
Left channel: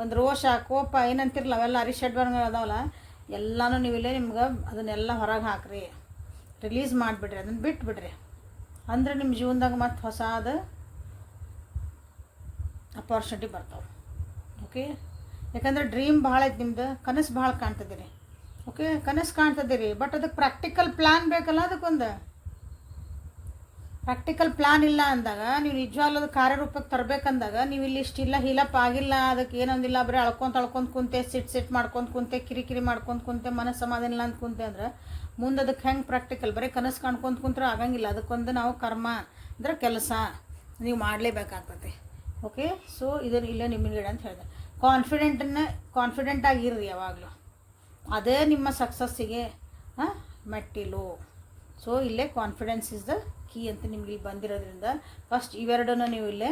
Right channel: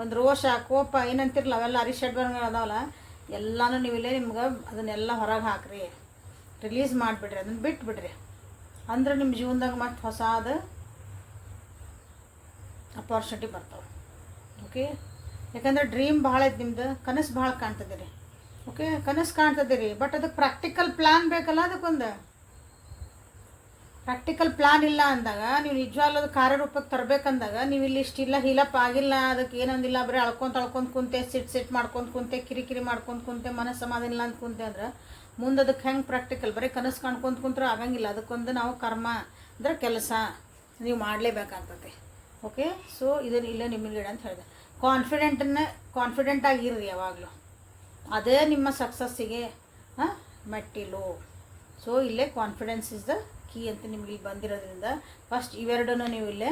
ಒಂದು ರೋಷ, ಕೋಪ ಏನಂತಿರಲ್ಲ, ಅವೆಲ್ಲ ಅರಿಷಡ್ ಬರ್ಗಳು ಅದಾವಲ್ಲ, ಎಲ್ಲನೂ ನೀವಿಲ್ಲೇ ನಿಮ್ಗೆ ಅದನ್ನೆಲ್ಲ ಹೊರಗೆ ಹಾಕ್ರಿ, ರಿಲೀಸ್ ಮಾಡಿಬಿಡ್ರಿ, ಅದನ್ನು ಬಿಟ್ಬಿಡ್ರಿ. ಅಂದ್ರೆ ನಿಮ್ಮ ಜೀವನದಾಗ ಮತ್ತೆ ಹೊಸಾದ ಅಪಾರ್ಚುನಿಟಿ ಬರ್ತಾವೆ. ಓಕೆ, ಯಾಕಂದ್ರೆ ಡ್ರೀಮ್ ಭಾಳ ಐತೆ ನಿಮ್ದು, ಕನಸು ಭಾಳ ಕಾಣ್ತದಿರಿ. ಓಕೆ, ಕನಸು ಕಾಣ್ತದಿರಿ, ಬಟ್ ಅದಕ್ಕೆ ಪ್ರಾಕ್ಟಿಕಲ್ ಪ್ಲ್ಯಾನ್ ಬೇಕಲ್ಲ. ಅದಕ್ಕೊಂದು ಪ್ರಾಕ್ಟಿಕಲ್ ಪ್ಲ್ಯಾನ್ ಇಲ್ಲ ಅಂದಾಗ, ನೀವು ನಿಜವಾಗ್ಲೂ ಅದು ಕಾರ್ಯರೂಪಕ್ಕೆ ತರಬೇಕಂದಾಗ ನೀವು ಇಲ್ಲಿ ಇಷ್ಟಿಲ್ಲ ಹೀಲಪ್ ಆಗಿಲ್ಲ, ಅದಕ್ಕೆ ಏನೊಂದಿಲ್ಲ, ಬರೀ ಅಳ್ಕೊಂತ ಕುಂತೆ, ಸಿಟ್ ಮಾಡ್ಕೊಂಡು ಕುಂತೆ, ಕಿರಿಕಿರಿ ಮಾಡ್ಕೊಂಡು ಕುಂತೆ, ಮನಸ್ಸು ಸಮಾಧಾನ ಇಲ್ಲ ಅಂತ ಕುಂತೆ ಅಂದ್ರೆ ಮುಂದೆ ಅದಕ್ಕೆ ಹೆಂಗೆ ಪ್ರಾಕ್ಟಿಕಲ್? ಬರೀ ಕನಸು ಕಾಣ್ಕೊಂತ ಕುಂತ್ರೆ ಆಗಂಗಿಲ್ಲ. ಅದಕ್ಕೊಂದು ನಾವು ಕರ್ಮ ಅಂದ್ರೆ ಕೆಲಸ ನೀವು ಮಾಡಲೇಬೇಕಾಗ್ತದೆ. ಓಕೆ, ಸೊ ಇದನ್ನು ಇಲ್ಲೇ ನಿಮಗೆ ಅಂತ ಹೇಳಿದೆ. ಕಾನ್ಫಿಡೆಂಟ್ ಆಗಿರ್ರಿ ಯಾವಾಗಲೂ, ಅದೇ ನಿಮ್ಮ ಸಕ್ಸಸ್ಸಿಗೆ ಮೆಟ್ಟಿಲು. ಸೊ ಇಲ್ಲೇ ಕಾನ್ಫಿಡೆನ್ಸ್ ಇಸ್ ದ ಕೀ ಅಂತ ನಿಮ್ಗೆ ಇಲ್ಲಿ ಬಂದಿರೋದ್ರಿಂದ ಫಸ್ಟ್ ಇವೆರಡನ್ನು ನೀವು ಇಲ್ಲೇ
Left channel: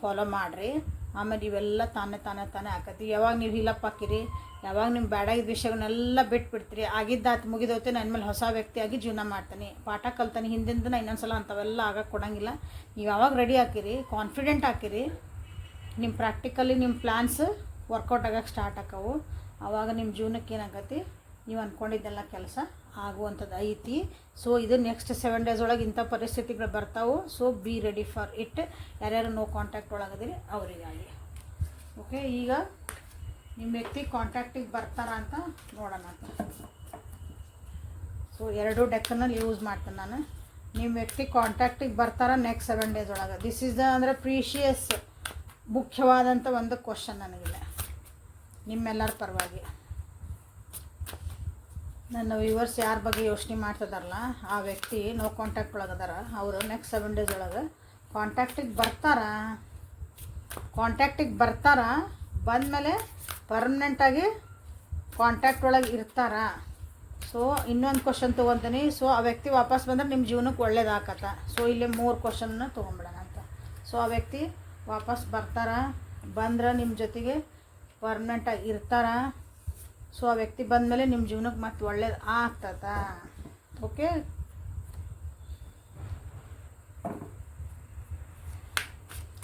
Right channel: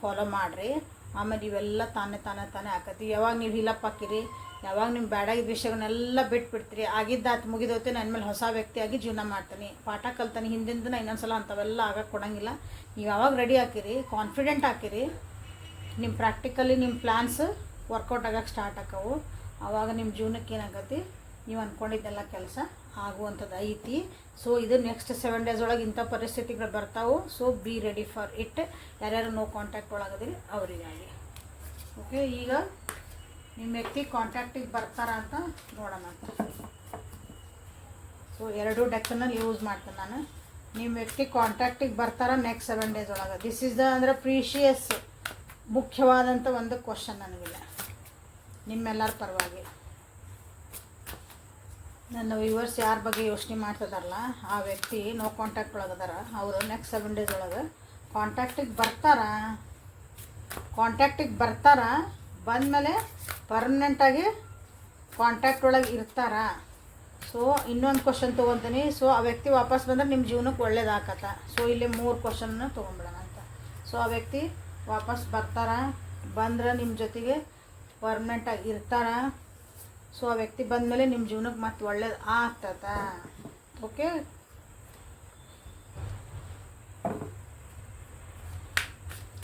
ಫಾಲೋ ಮಾಡಿರಿ. ಆಮೇಲೆ ಇವೆಲ್ಲ ತಾನೇ ಆಕತಿ. ಯಾವಾಗ ನೀವು ಹೀಲಪ್ ಹಾಕಿರಿ, ಯಾವಾಗ ನಿಮ್ಮ ಬ್ಯಾಡಾಗಿದ್ದ ವಿಷಯಗಳನ್ನೆಲ್ಲ ಬಿಟ್ಬಿಡ್ತೀರಿ, ಆಗಿದ್ದಾತು ಮುಗಿದೋತೆ, ನನ್ನ ಮೇಲೆ ಹೊಸ ವ್ಯಕ್ತಿಯಾಗಿ ಜೀವನ ಮಾಡ್ತೀನಿ, ಪಾಠ ಕಲ್ತಾನೆ, ಹಿಂದಿಂದ ನಾ ಇನ್ನೊಂದ್ಸಲ ಅಂಥವೆಲ್ಲ ಆಗಕ್ಕೆ ಕೊಡೋಂಗಿಲ್ಲ. ನೀವು ಯಾವಾಗ ರೆಡಿ ಹಾಕಿರಿ, ಕಾನ್ಫಿಡೆಂಟ್ ಹಾಕಿರಿ, ನಿಮ್ಮ ಪ್ರಾಕ್ಟಿಕಲಿ ನಿಮ್ಮ ಪ್ಲ್ಯಾನ್ಸ್ ವರ್ಕೌಟ್ ಆಗಕ್ಕೆ ಸ್ಟಾರ್ಟ್ ಆಕವು. ಆವಾಗ ನಿಮ್ಮ ಜೀವನಕ್ಕೆ ಏನಾಗತ್ತೆ, ನೀವು ಅಂದ್ಕೊಂಡಿದ್ದೆಲ್ಲ ಕೆಲಸ ಆಗುವಂಥದ್ದು ಐತಿ. ಸೊ ಇದು ನೆಕ್ಸ್ಟ್ 7 days ಒಳಗೆ ಇಂಥ ಪರಿಸ್ಥಿತಿಗಳು ಬರ್ತಾವೆ. So be ready for it. ಯಾರ್ಯಾರು ನೋ ಕಾಂಟ್ಯಾಕ್ಟ್ ಒಳಗದಿರಿ ಅವರಿಗಾಗಿ. ಓಕೆ, ಈಗ ನಿಮ್ಮ ವ್ಯಕ್ತಿ ಕಾಂಟ್ಯಾಕ್ಟಿಗೆ ಬರ್ತಾರ ಅಂತ ನೋಡೋಣ ಅಂತ. ಸೊ 2 ಡೆಕ್ಕನ್ನು ಯೂಸ್ ಮಾಡ್ತೀನಿ ನಾನು. ನಿಮ್ಮ ವ್ಯಕ್ತಿ ಕಾಂಟ್ಯಾಕ್ಟಿಗೆ ಬರ್ತಾರ ನೆಕ್ಸ್ಟ್ 7 days ಒಳಗೆ. ದಿಸ್ ಇಸ್ ದ ಅಂದರೆ ಪ್ರೀಶಿಯಸ್, ಮುಖ್ಯವಾದಂಥ ಒಂದು ಕ್ವಶನ್ ನನಗಿಲ್ಲ ನಿಮ್ಮೆಲ್ಲರ ಪರವಾಗಿ. ನನ್ನ ವ್ಯೂವರ್ಸ್ ಯಾರ ಬಗ್ಗೆ ಯೋಚನೆ ಮಾಡ್ತಿದಾರಲ್ಲ, ಆ ವ್ಯಕ್ತಿ ನೋ ಕಾಂಟ್ಯಾಕ್ಟ್ ಒಳಗದಾರ, ಅವರು ನೆಕ್ಸ್ಟ್ 7 days ಒಳಗೆ ಕಾಂಟ್ಯಾಕ್ಟಿಗೆ ಬರ್ತಾರ. ಬಂದಮೇಲೆ ಪರ್ಮನೆಂಟಾಗಿ ಕಾಂಟ್ಯಾಕ್ಟ್ ಒಳಗೆ ಇರ್ತಾರ. ಸೊ ಇನ್ನೊಂದು ಕ್ವಶನ್ ತೊಗೊತೀನಿ. ಸೊ ಆ ವ್ಯಕ್ತಿ ವಾಪಸ್ ಬಂದ್ರೆ ನಿಮ್ಮ ಜೀವನಕ್ಕೆ ಒಳ್ಳೇದಾಗತ್ತ. ಸೊ ಇಲ್ಲಿ 3 ಕ್ವಶನ್ನ ತೊಗೊಂಬಿಡೋಣ ಅಂತ. ಸೊ ಆ ವ್ಯಕ್ತಿ ವಾಪಸ್ ಬರ್ತಾರ, ಬಂದ್ರೆ ನಿಮ್ಮ ಜೊತೆಗೆ ಪರ್ಮನೆಂಟಾಗಿ ಇರ್ತಾರ. ಸೊ ಆ ವ್ಯಕ್ತಿ ಬಂದಮೇಲೆ ನಿಮ್ಮ ಜೀವನಕ್ಕೆ ಮತ್ತೆ ಒಳ್ಳೇದು ಆಗ್ತದ. Okay,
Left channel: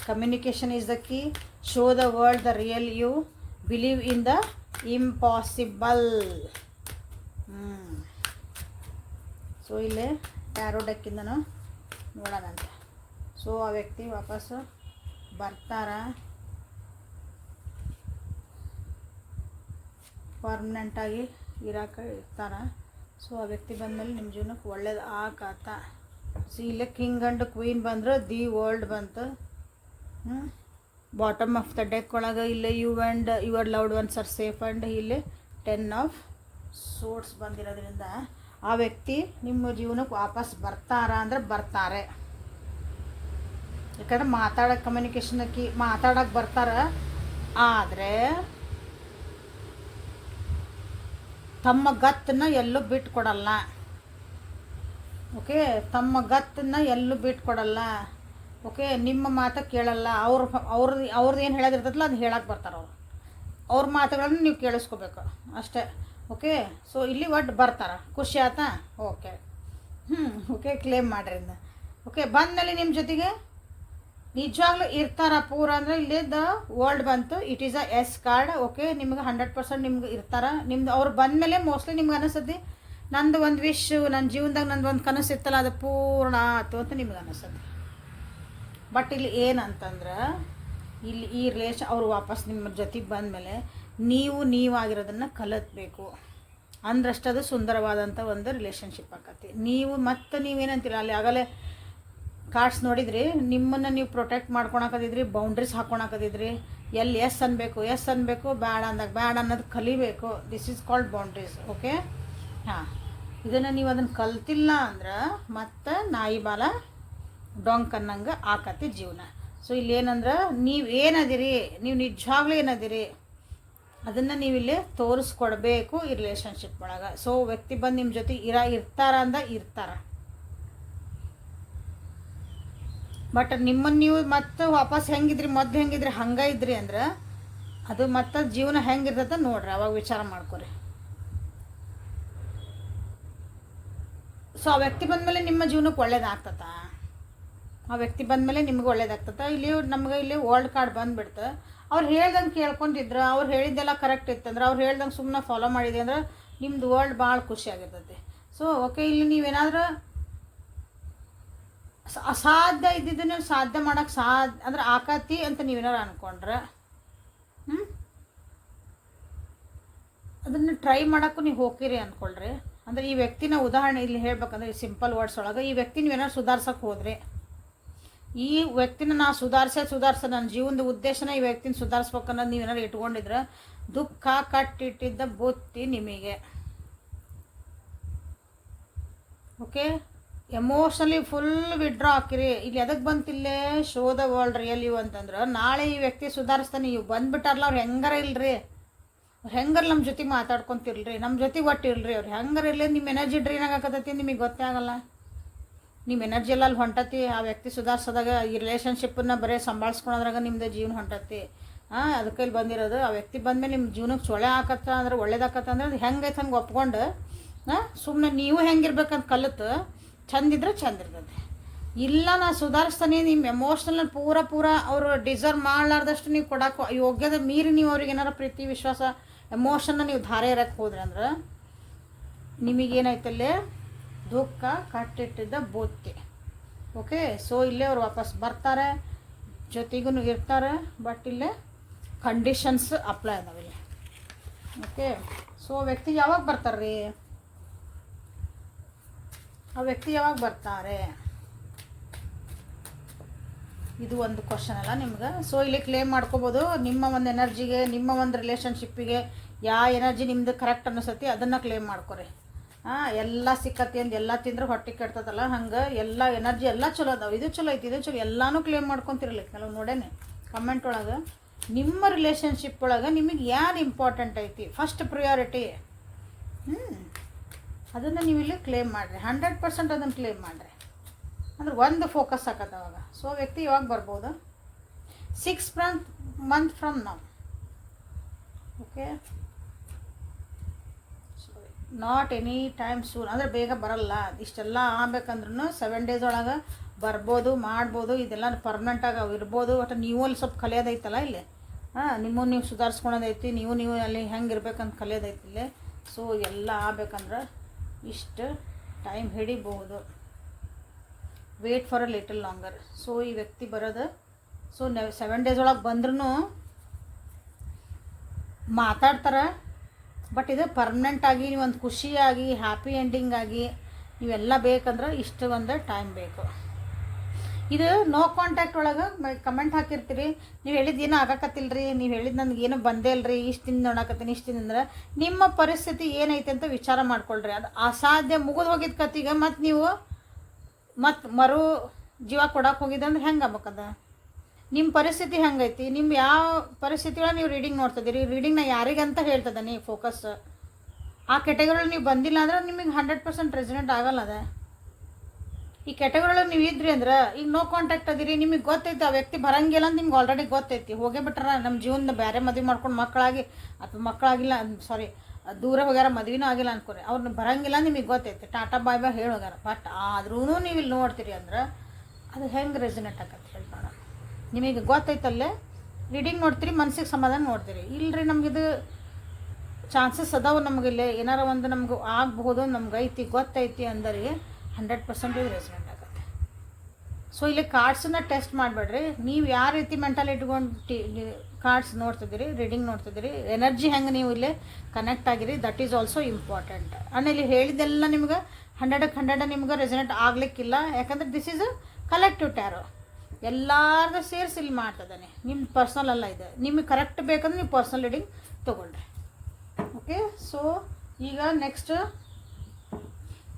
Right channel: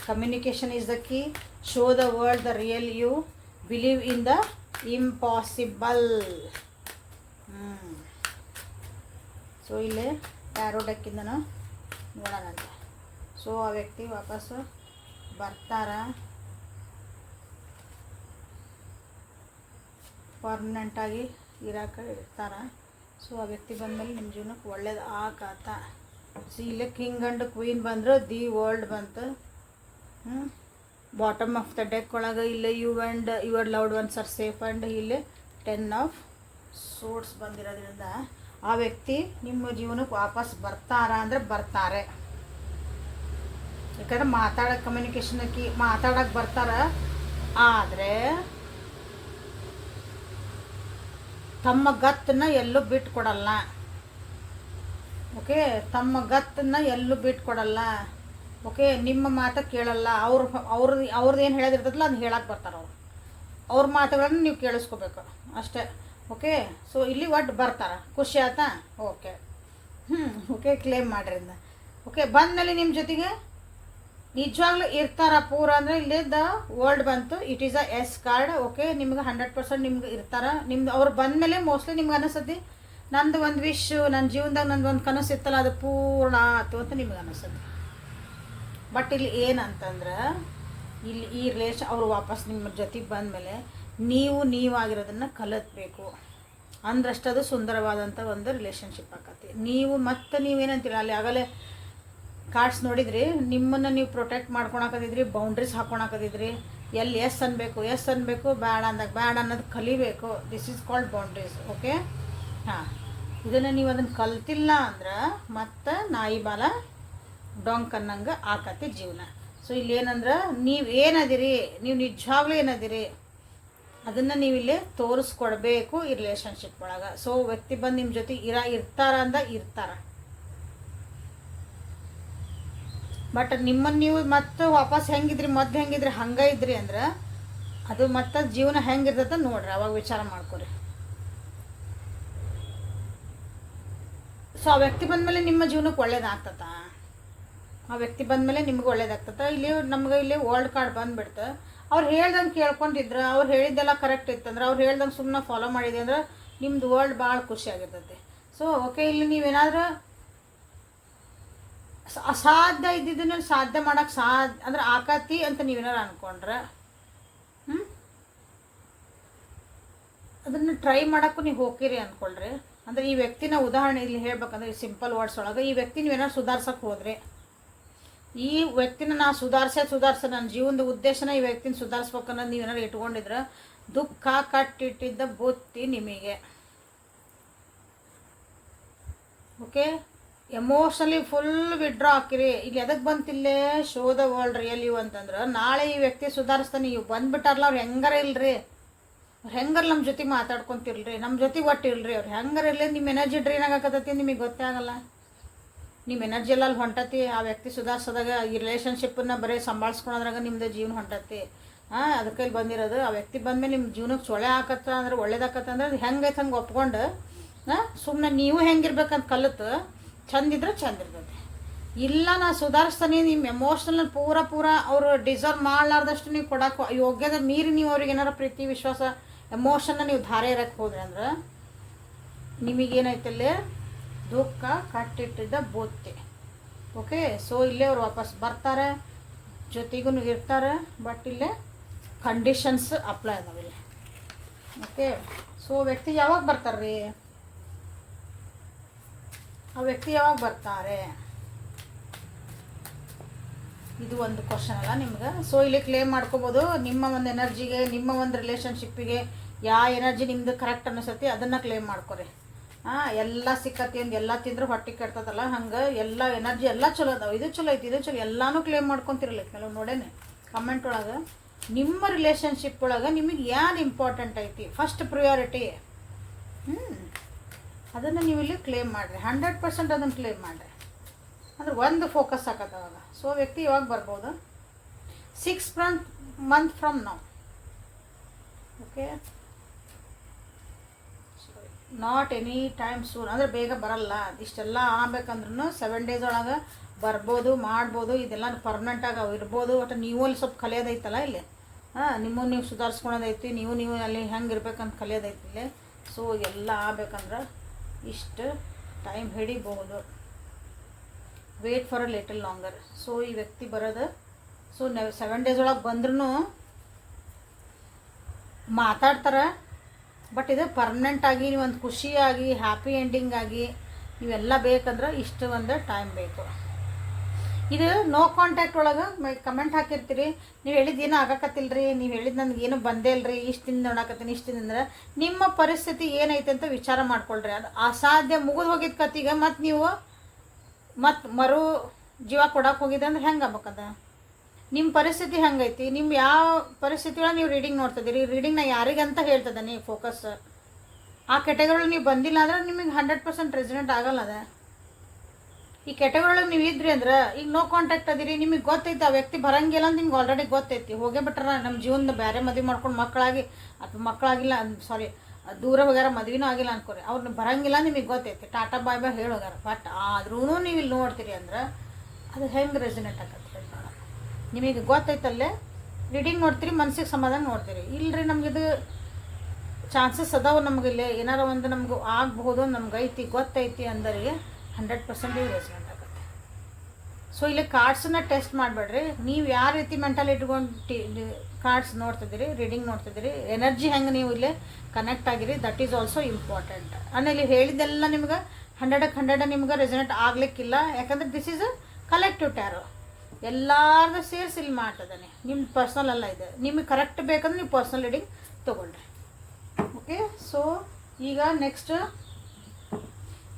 communication is the key. Show the world the real you, believe in the impossible. So ಇಲ್ಲೇ ಟ್ಯಾರೋ ಡೆಕ್ಕಿಂದನೂ ನೋಡೋಣ ಅಂತ. ಸೊ ಆ ವ್ಯಕ್ತಿ ವಾಪಸ್ಸು ಬರ್ತಾರ, ಪರ್ಮನೆಂಟಾಗಿ ಇರೋಕೆ ಇರ್ತಾರ. ಸೊ ಆ ವ್ಯಕ್ತಿ ಬಂದಮೇಲೆ ನಿಮ್ಮ ಜೀವನಕ್ಕೆ ಒಳ್ಳೇದು ಆಗತ್ತ. ಸೊ ಇಲ್ಲೇ ಕಿಂಗ್ ಆ್ಯಂಡ್ ಕ್ವೀನ್ ಬಂದ್ರೆ ದಿ ವರ್ಲ್ಡ್ ಬಂತು. ಬಾಟಮ್ ಆಫ್ ದ ಡೆಕ್ ಒಳಗೆ ಇಲ್ಲೇ you and your loved ones are safe and ಇಲ್ಲಿ 10 of Swords ಬಂದಿರೋದ್ರಿಂದ ಆ ವ್ಯಕ್ತಿ ನಿಮ್ಮ ಜೀವನಕ್ಕೆ ವಾಪಸ್ ಬರ್ತಾರ ಅಂದರೆ ಬರ್ತಾರೆ. ಯಾಕಂದ್ರೆ ಮಾತಾಡೋಕ್ಕೆ ಕಮ್ಯುನಿಕೇಷನ್ಗೆ ಮಾತಾಡೋಕ್ಕೆ ಬರ್ತಾರ. ಆದರೆ ತಮ್ಮ ಗತ್ತನ್ನು ಎಲ್ಲೂ ಬಿಟ್ಕೊಡಲ್ಲ. ಓಕೆ, ತಮ್ಮ ಗತ್ತನ್ನು ಎಲ್ಲೂ ಬಿಟ್ಕೊಡಲ್ಲ. ಓಕೆ, ನಿಮ್ಮ ಮಾತು ಕೇಳಲ್ಲ. ಅವ್ರದ್ದು ಏನು ಹೇಳೋದಿರ್ತದಲ್ಲ ಅದು ಹೇಳಕ್ಕೆ ಬರ್ತಾರೆ. ಅವ್ರ ಮಾತುಗಳನ್ನು ನೀವು ಕೇಳಿಸ್ಕೋಬೇಕು ಅಷ್ಟೇ. ಓಕೆ, ಸೊ ಇಲ್ಲಿ ಒಟ್ಟು ಬರ್ತಾರೆ. ಖುಷಿ ಆಯ್ತಾ? ಓಕೆ, ಓಕೆ, ಕ್ಲೇಮ್ ಮಾಡ್ರಿ ಇಂದ. ಓಕೆ, ಬಂದಮೇಲೆ ನಿಮ್ಮ ಜೊತೆಗೆ ನಿಜವಾಗ್ಲೂ ಇರ್ತಾರ ಪೂರ ಅಂದರೆ ಇಲ್ಲಿ ದ ವರ್ಲ್ಡ್ ಬಂತು. It is a ace card. Okay, ನಿಮ್ಗೆ 100% ನಿಮ್ಗೆ ಇರ್ತಾರ. ನಿಮ್ದು ಅವ್ರು ಬಂದಮೇಲೆ ಮೋಸ್ಟ್ಲಿ ನಿಮ್ಗೆ ಅನಿಸ್ತದೆ ನಂದು ಒಂದು ವಿಶ್, ನನ್ನ ಜೀವನದಾಗ ನಂದು ಒಂದು ಕನಸು ಇತ್ತಲ್ಲ ಅದು ಪೂರ್ಣ ಆಯ್ತು ಅಂತ ನಿಮ್ಗೆ ಅನಿಸ್ತದೆ. ಬಟ್ ಇಲ್ಲಿ ಏನಂತಂದ್ರೆ ಇಲ್ಲಿ ಈ ರಿಲೇಷನ್ ಅವ್ರು ವಾಪಸ್ ನಿಮ್ಮ ಜೊತೆಗೆ ಬಂದಮೇಲೆ ನೀವಾಗಿರೋದನ್ನು ಕಲಿತ್ಬೇಕು ಅಂದ್ರಷ್ಟು ಅದು ಸುಂದರವಾದಂಥ ಒಂದು ರಿಲೇಷನ್ಶಿಪ್ ಆಕತಿ. ನೀವೇನಂತೀರ ಅಲ್ಲಿ ಆಗಲೇ ಕಾರ್ಡ್ಸ್ ನೋಡಿದ್ರಿ, ನಿಮ್ಮನ್ನು ನೀವು ಪ್ರೊಟೆಕ್ಟ್ ಮಾಡ್ಕೊಳಕದಿದ್ರಿ, ಬೌಂಡ್ರೀಸ್ ಹಾಕೊಳಕದಿದ್ರಿ, ಎಲ್ಲಿ ಎಸ್ ಅನ್ಬೇಕು ಬ್ಯಾಡ ಅಂದಾಗ ಬ್ಯಾಡ ಅನ್ನೋದು ಕಲಿಬೇಕು. This is called boundaries. Okay, ಹಾಂ, ಇದನ್ನು ನೀವು ಅದನ್ನು ಕಲ್ತಿಲ್ಲ ಅಂದ್ರೆ ಮತ್ತೆ ನಾಯಿ ಬಾಲ ಡೊಂಕ್ ಅನ್ನಂಗೆ ಆಕತಿ ಜೀವನ. ಸೊ ಇಲ್ಲಿ ಏನಂದ್ರೆ ನೀವೇನದಿರಿ, ನೀವು ನಿಜವಾಗ್ಲೂ ಏನದಿರಿ ಅದನ್ನು ನೀವಿಲ್ಲಿ ತೋರಿಸ್ಕೊಡ್ಬೇಕು ಈ ರಿಲೇಷನ್ಶಿಪ್ ಒಳಗೆ. ಸೊ ವ್ಯಕ್ತಿ ಬಂದು ನಿಮ್ಮ ಜೊತೆ ಇರ್ತಾರ ಇರ್ತಾರ, ಬಟ್ ನಿಮ್ಮನ್ನು ನೀವು ಮತ್ತೆ ವಾಪಸ್ ಮೊದಲು ಹಂಗೆ ಇದ್ರಿ ಅಂದ್ರೆ ಅದು ಮತ್ತೆ ಜೀವನ ಹೆಂಗಿರ್ತದೆ ನೋಡ್ರಿ, ಅವಾಗ ವಿಚಾರ ಮಾಡ್ಕೊರಿ. ಸೊ ಆ ವ್ಯಕ್ತಿ ಬಂದಮೇಲೆ ನಿಮ್ಮ ಜೀವನಕ್ಕೆ ಒಳ್ಳೇದಾಗ್ತದ, ಆ ವ್ಯಕ್ತಿ ಬಂದಮೇಲೆ ನಿಮ್ಗೆ ಒಳ್ಳೇದಾಗ್ತದ. ನಮ್ಗೆ ಇಲ್ಲಿ ವರ್ಲ್ಡ್ ಕಾರ್ಡ್ ಬಂದ್ಬಿಡ್ತು. ಅವ್ರು ಹೇಳ್ದಂಗೆ ಕೇಳ್ಕೊಂಡಿದ್ರ, ಅವ್ರು ಹೇಳಿದ್ದೆಲ್ಲ ಕರೆಕ್ಟ್ ಇತ್ತಂದ್ರೆ, ಅವ್ರು ಹೇಳ್ದಂಗೆ ಸುಮ್ಮನೆ ಫಾಲೋ ಮಾಡಿದೆ ಅಂದ್ರೆ ನಿಮ್ದು ವರ್ಲ್ಡ್ ಭಾಳ ಖುಷಿಯಾಗಿರ್ತೈತೆ. ಸೊ ಓಕೆ, ಇಲ್ಲಿ ನೀವೇನಾದ್ರೂ ಅಸಾಧ್ಯ ಇದ್ದಿದ್ದನ್ನು ಸಾಧ್ಯ ಮಾಡೋಕ್ಕೆ ಅಂದ್ರೆ ಆಕತಿ ಅಂತ ನೀವೇನಾರು ಅಂದ್ಕೊಂಡ್ರೆ ಅದನ್ನು ಟ್ರೈ ಮಾಡೋಕ್ಕೂ ನೀವು ಹೋಗಿರಿ ಅಂದ್ಕೊಳ್ರಿ. ಅಂದರೆ ಈ ವ್ಯಕ್ತಿನ ಉದಾಹರಣೆ ಇಲ್ಲಿ ಹೇಳ್ಬೇಕಂದ್ರೆ ಸಿಂಪಲ್ ವರ್ಡ್ಸ್ ಒಳಗೆ, ಈ ವ್ಯಕ್ತಿ ನೀವೇನಾದ್ರು ಸುಧಾರ್ಸಕ್ಕೆ ಹೋದ್ರೆ, ಈ ವ್ಯಕ್ತಿನ ನಾ ಸುಧಾರ್ಸ ನನ್ನ ಜೀವನದ ಉದ್ದೇಶನ ಈ ವ್ಯಕ್ತಿನ ಸುಧಾರಿಸ್ಬೇಕನ್ನೋದು ನೀವೇನಾದ್ರು ಇಟ್ಕೊಂಡಿದ್ರೆ ದುಃಖ ಕಟ್ಟಿಟ್ಟಿದ್ದ ಬುತ್ತಿ ನಿಮಗೆ. ಓಕೆ, ಎಮೋಷನಲಿ ಫುಲ್ ವಿಡ್ರಾ ಹಾಕಿರಿ. ಇಲ್ಲಿ ಎದಕ್ಕೆ ಬಂತಿಲ್ಲೇ show the world real you ಅಂತಂದ್ರೆ, ನಾಳೆ ಈ ವ್ಯಕ್ತಿ ಸುಧಾರಿಸ್ತಾನೆ, ಇವು ಬಂದ್ಬಿಟ್ಟಾರಲ್ಲ ಅವ್ರು ಹೆಂಗಾರ ಇಲ್ರಿ, ಅವ್ರು ಹೆಂಗಾರ ನಮ್ಮ ಜೊತೆ ಮಾತಾಡ್ಕೊಂತಿಲ್ರಿ, ನಮ್ಮ ಜೊತೆ ಒಟ್ಟಿಲ್ರಿ, ಅವ್ರು ಹೆಂಗಾರ ಇರಲಿ ನಿಮ್ಮ ಎನರ್ಜಿ ಡ್ರೈನ್ ಆಗಕತ್ತೈತಿ, ನಿಮಗೆ ಗೊತ್ತೇ ಆಗಲ್ಲ. ನಿಮ್ಮ ಎನರ್ಜಿ ಎಲ್ಲ ಅಲ್ಲಿ ಹೊಂಟತಿ. ಆ ವ್ಯಕ್ತಿ ಸುಧಾರಿಸೋದಾಗ ಈ ರಿಲೇಷನ್ಶಿಪ್ಪನ್ನ ಬರೀ ಸಂಭಾಳಿಸ್ಕೊಳೋದ್ರಾಗ ನಿಮ್ಮದು ಜೀವನ ಹೊಂಟತಿ. ಅದಕ್ಕೆ ಇಲ್ಲಿ ಬಂದಿರೋದು. ಆ ವ್ಯಕ್ತಿ ಬಂದಮೇಲೆ ನಿಮ್ಮ ಜೀವನಕ್ಕೆ ಸೊಳ್ಳೆ ಹಾಕತ್ತ ಅಂದ್ರೆ ಒಳ್ಳೇದಾಕತ್ತ ಅಂದ್ರೆ ಅದು ಹೆಂಗೈತೆ ಹಂಗೆ ಒಪ್ಕೊಂಡು ಸುಮ್ಮನೆ ನೀವು ಹೆಂಗಿರ್ಬೇಕಂತ ಕಲಿತು ಚಂದಿದ್ರೆ ಚಂದ ಇರ್ತದೆ. ಇಲ್ಲ ನಾನು ಸುಧಾರಿಸ್ತಾನೆ, ನಿಮ್ಮ ಎಮೋಷ್ನಲ್ ಪೂರ ಅವರು ಡಿಸರ್ವ್ ಮಾಡಲಾರ್ದಷ್ಟು ನೀವು ಕೊಡಕ್ಕೆ ಯೋಗ್ಯದ ಮೀರಿ ನೀವು ಅವ್ರಿಗೆ ಏನಾರ ಪ್ರೀತಿ ವಿಶ್ವಾಸ ಎಮೋಷನ್ನ ನೀವು ಧಾರೆ ಇರಕ್ಕೆ ಹೋದ್ರಿ ಅಂದ್ರೆ ನಿಮಗೇನೈತಲ್ಲೇ ದುಃಖ ಕಟ್ಟಿಟ್ಟಿದ್ದ ಬುತ್ತಿ. ಓಕೆ, ಸೊ ಇಲ್ಲೇ ಅವ್ರು ವಾಪಸ್ ಬರ್ತಾರೆ, ಜೊತೆಗೂ ಇರ್ತಾರೆ, ಬಟ್ ಇಲ್ಲೇ ಕಂಡೀಷನ್ಸ್ ಅಪ್ಲೈ ಅದಾವಿಲ್ಲ. ಓಕೆ, ಸೊ ವ್ಯಕ್ತಿ ಯಾವಾಗ ಬರ್ತಾರ್ರಿ, ಆ ವ್ಯಕ್ತಿ ಯಾವಾಗ ಬರ್ತಾರೆ ಇದು ಒಂದು ಕ್ವಶನ್ ಅಲ್ಲ ನಿಮ್ಗೆ. ಸೊ ಇಲ್ಲಿ ಕ್ಲೇಮ್ ಮಾಡ್ಕೋಬೋದು ನಿಮ್ಮ ಒಂದು ಎನರ್ಜಿಗೆ, ನಿಮ್ಮ ಒಂದು ರಿಲೇಷನ್ಶಿಪ್ಪಿಗೆ ಯಾವ ಎನರ್ಜಿ ನಿಮ್ದು ಕರೆಕ್ಟ್ ಅನಿಸತಿ ಅದನ್ನು ಕ್ಲೇಮ್ ಮಾಡ್ಕೊರಿ. ಎಲ್ಲ ಸಿಕ್ಕತಿ ಅಂದು ಎಲ್ಲ ತಿಂದ್ರೆ ಹೊಟ್ಟೆ ಕೆಡ್ತದಲ್ಲ, ಹಂಗೆ ಎಲ್ಲ ಎನರ್ಜಿ ಎಲ್ಲ ಚಲೋ ಅದಾವೆ, ಇದು ಚಲೋ ಐತಿ, ಇದು ಚಲೋ, ಎಲ್ಲನೂ ಕ್ಲೇಮ್ ಮಾಡ್ಕೊತಿರ್ಲಿ. ಕೆಲವು ನೋಡೇನೆ ಕಮೆಂಟ್ ಒಳಗೆ ನಿಮ್ಮ ರಿಲೇಷನ್ಶಿಪ್ ಒಳಗೆ ನಿಮಗೆ ಯಾರು ಇಂಪಾರ್ಟೆಂಟ್ ಐತಿ, ಫಸ್ಟ್ ಪ್ರಿಯಾರಿಟಿ, ಅದನ್ನು ನೀವು ಇಲ್ಲಿ ಕ್ಲೇಮ್ ಮಾಡಿರಿ. 100% ಅದನ್ನು ಕ್ಲೇಮ್ ಮಾಡಿರಿ ಅಂದ್ರೆ ಒಂದು ಫೋಕಸ್ ಆಗತ್ತೆ ಅವಾಗ. ಸೊ ವ್ಯಕ್ತಿ ಯಾವಾಗ ಬರ್ಬೋದು, 6 months from now. Okay, not any time soon, ಅಂದರೆ ಬೇಗ ಬರಲ್ಲ. ಇಷ್ಟೆಲ್ಲ ಆಗ್ಬೇಕಂದ್ರೂ 7 days ಒಳಗೆ ಬರ್ಬೋದು, ಮಾಡ್ಬೋದು. ಇದೆಲ್ಲ ಪರ್ಮನೆಂಟಾಗಿ ಅವು ಇರ್ಬೋದು. ಒಟ್ಟು ನೀವು ಅಲ್ಲಿ ಸ್ವಲ್ಪ ಕಲಿಯೋದೈತಲ್ಲ ಇಲ್ಲಿ, ನಿಮ್ಮನ್ನು ನೀವು ಸುಧಾರಿಸ್ಕೊಳೋದೈತಿ, ನೀವು ಅಲ್ಲಿ ಹೆಂಗೆ ಇರ್ಬೇಕಂತ ಕಲಿಯೋದೈತಿ ಇಲ್ಲಿ. ಸೊ ಎಲ್ಲ ಆಗ್ಬೇಕಂದ್ರೆ ಇಷ್ಟು ಟೈಮ್ ಹಿಡಿಬಹುದು. Wait for a little longer. So ಈ ವ್ಯಕ್ತಿ ಬರೋದು, ಸೊ 7 days ಒಳಗೆ ಬಂದ್ರೂ ಮಾತಾಡ್ತಾರೆ, ಬಟ್ ಇದು ಪರ್ಮನೆಂಟಾಗಿ ಒಂದು ಖುಷಿಯಾಗಿ ಹ್ಯಾಪಿ ಎಂಡಿಂಗ್ ಆಗಿ ಇವೆಲ್ಲ ಬೇಕಂದ್ರೆ ಇಷ್ಟು ಒಂದು ಟೈಮ್ ಬೇಕು. ಇದು ನೋ ಕಾಂಟ್ಯಾಕ್ಟ್ ಒಳಗೆ ಕಮೆಂಟ್ ಹಾಕಿರ್ತೀರಿ, ನೀವು ಹೇಳಿದ್ದು ಏನೂ ಆಗಕತ್ತಿಲ್ರಿ, ನೀವು ಹೇಳಿದ್ದು ನನಗೇನು ಬಂದೇ ಇಲ್ಲರಿ, ಇಷ್ಟಿಂದ ನೋಡಕತ್ತೀನಿ, ಇಷ್ಟಿಂದ ಅಂದ್ರೆ ನಿಮ್ಮ ಪರಿಸ್ಥಿತಿ ಏನೈತೆ ಅಂತ ವಿಚಾರ ಮಾಡ್ಕೊಳ್ರಿ. ಅದು ಅಸಾಧ್ಯ ಮುಗಿದು ಹೋಗಿದ್ದ ಕತ್ತಿಗೆ ಮತ್ತು ನೀವು ಮರು ಜೀವ ಕೊಡಕ್ಕೆ ಹೋಗಿದ್ದೆ ಅಂದ್ರೆ ಹೆಂಗೆ ಆಗ್ಬೇಕದ? ನಿಮ್ಮ ಪರಿಸ್ಥಿತಿ ಹೆಂಗೈತಿ, ನಿಮ್ಮ ಯಾವ ಪರಿಸ್ಥಿತಿ ಒಳಗೆ ನೀವು ರೀಡಿಂಗ್ ನೋಡ್ತಿದ್ದೀರಿ, ರೀಡಿಂಗ್ನ ಯಾರಿಗಂತ ಹೇಳ್ತದೆ ನೀವು ಫೋಕಸ್. ಆ ಕೆಟಗರಿ ನೀವು ಬಂದಿಲ್ಲ ಅಂದ್ರೆ ನಿಮಗೆ 100% ರೆಸಿಡೆಂಟ್ ಆಗಲ್ಲ. ಅದ ಈ ಕೆಟಗರಿ ನೀವು ಇದ್ರಿ ಅಂದ್ರೆ ಈಗ ನೋ ಕಾಂಟ್ಯಾಕ್ಟ್ ಅದಿರಿ, ನಿಮಗೆ ಗೊತ್ತೈತಿ ಆ ವ್ಯಕ್ತಿ ಬರಂಗಿಲ್ಲ ಅಂತ ನಿಮ್ಗೆ ಆಲ್ರೆಡಿ ಗೊತ್ತೈತಿ. ಹೋಗೇ ಬಿಟ್ರ ನಮ್ಮ ಜೀವನದ ಬೇರೆ ಮದುವೆ ಮಾಡ್ಕೊಂಡು ಮಕ್ಕಳಾಗಿ ಅಥವಾ ಮಕ್ಕಳಾಗಿಲ್ಲ, ಸಾರಿ ದೂರ ಹೋಗ್ಯಾರ, ಮದುವೆನೂ ಆಗಿಲ್ಲ ಅನ್ಕೋರಿ, ಅವ್ರನ್ನ ಬರಂಗಿಲ್ಲ ನಿಮಗೆ ಗೊತ್ತೈತಿ, ಟಾಟಾ ಬಾಯ್ ಬಾಯ್ ಹೇಳಿ ಹೋಗ್ಯಾರ. ಬಟ್ ಆದ್ರೂ ನೀವು ಇಲ್ಲಿ ನೋಡ್ತೀರಿ ಅಂದ್ರೆ ಅದು ಹೆಂಗೆ ರೆಸಿಡೆಂಟ್ ಆಗತ್ತೆ ಹೇಳ್ತಾರೆ. ನಿಮಗೆ ಗೊತ್ತೈತಲ್ಲೇ ರೀಡಿಂಗ್ ನೋಡ್ತೀರಿ, ಮನಸ್ಸಿಗೆ ಸಮಾಧಾನ ನೋಡ್ತೀರಿ. ಇಲ್ಲರಿ ನಮಗಿದು ಚಾನ್ಸಸ್ ಅದಾವೆ, ನಮಗಿಲ್ಲೇ ಏನಾರ ಒಂದು ನಮ್ಗೆ ಆಗಬಹುದು, ನಮ್ಗೆ ಐತಿ ಗೊತ್ತೈತಿ ಅಂದರೆ 100% ರೆಸಿಡೆಂಟ್ ಆಗುತ್ತೆ. ಸೊ ಇಲ್ಲಿ ಕಾರ್ಡ್ಸನ್ನ ಟೆಸ್ಟ್ ಮಾಡಬೇಡ್ರಿ. ನೀವು ಯಾವ ರೀತಿ ಮೆಂಟಲ್ ಇಟ್ಕೊಂಡು ಕಾರ್ಡ್ಸ್ ನೋಡ್ತಿದ್ದೀರಿ, ರೀಡಿಂಗ್ ನೋಡ್ತಿದ್ದೀರಿ, ಎನರ್ಜಿ ಹೆಂಗೆ ನೀವು ಇಲ್ಲಿ ಕನೆಕ್ಟ್ ಆಗಿರಿ, ದಟ್ ಈಸ್ ಆಲ್ಸೋ ಇಂಪಾರ್ಟೆಂಟ್. ಆಮೇಲೆ ಇಲ್ಲಿ ಹೇಳಿದ್ದೆಲ್ಲ ನಿಮ್ಗೆ 100ಕ್ಕೆ 100 ನಿಮ್ಗೆ ರೆಸನೇಟ್ ಆಗಲಿಕ್ಕಿಲ್ಲ. ಯಾಕಂದರೆ this is a collective tarot, ಎಲ್ಲಾರ್ಗೂ ಸೇರಿಸಿ ಇಲ್ಲಿ ಮಾಡ್ತಿದ್ದಾನೆ. ನಿಮ್ಮ ಪರ್ಸ್ನಲ್ ಅಲ್ಲ ಇದೆ. ನಿಮಗೆ ಕರೆಕ್ಟ್ ಬೇಕಂದ್ರೆ ನೀವು ಪರ್ಸ್ನಲ್ ರೀಡಿಂಗ್ ತೊಗೊಳ್ರಿ. ಓಕೆ, ಸೊ ಈಗ ನೆಕ್ಸ್ಟ್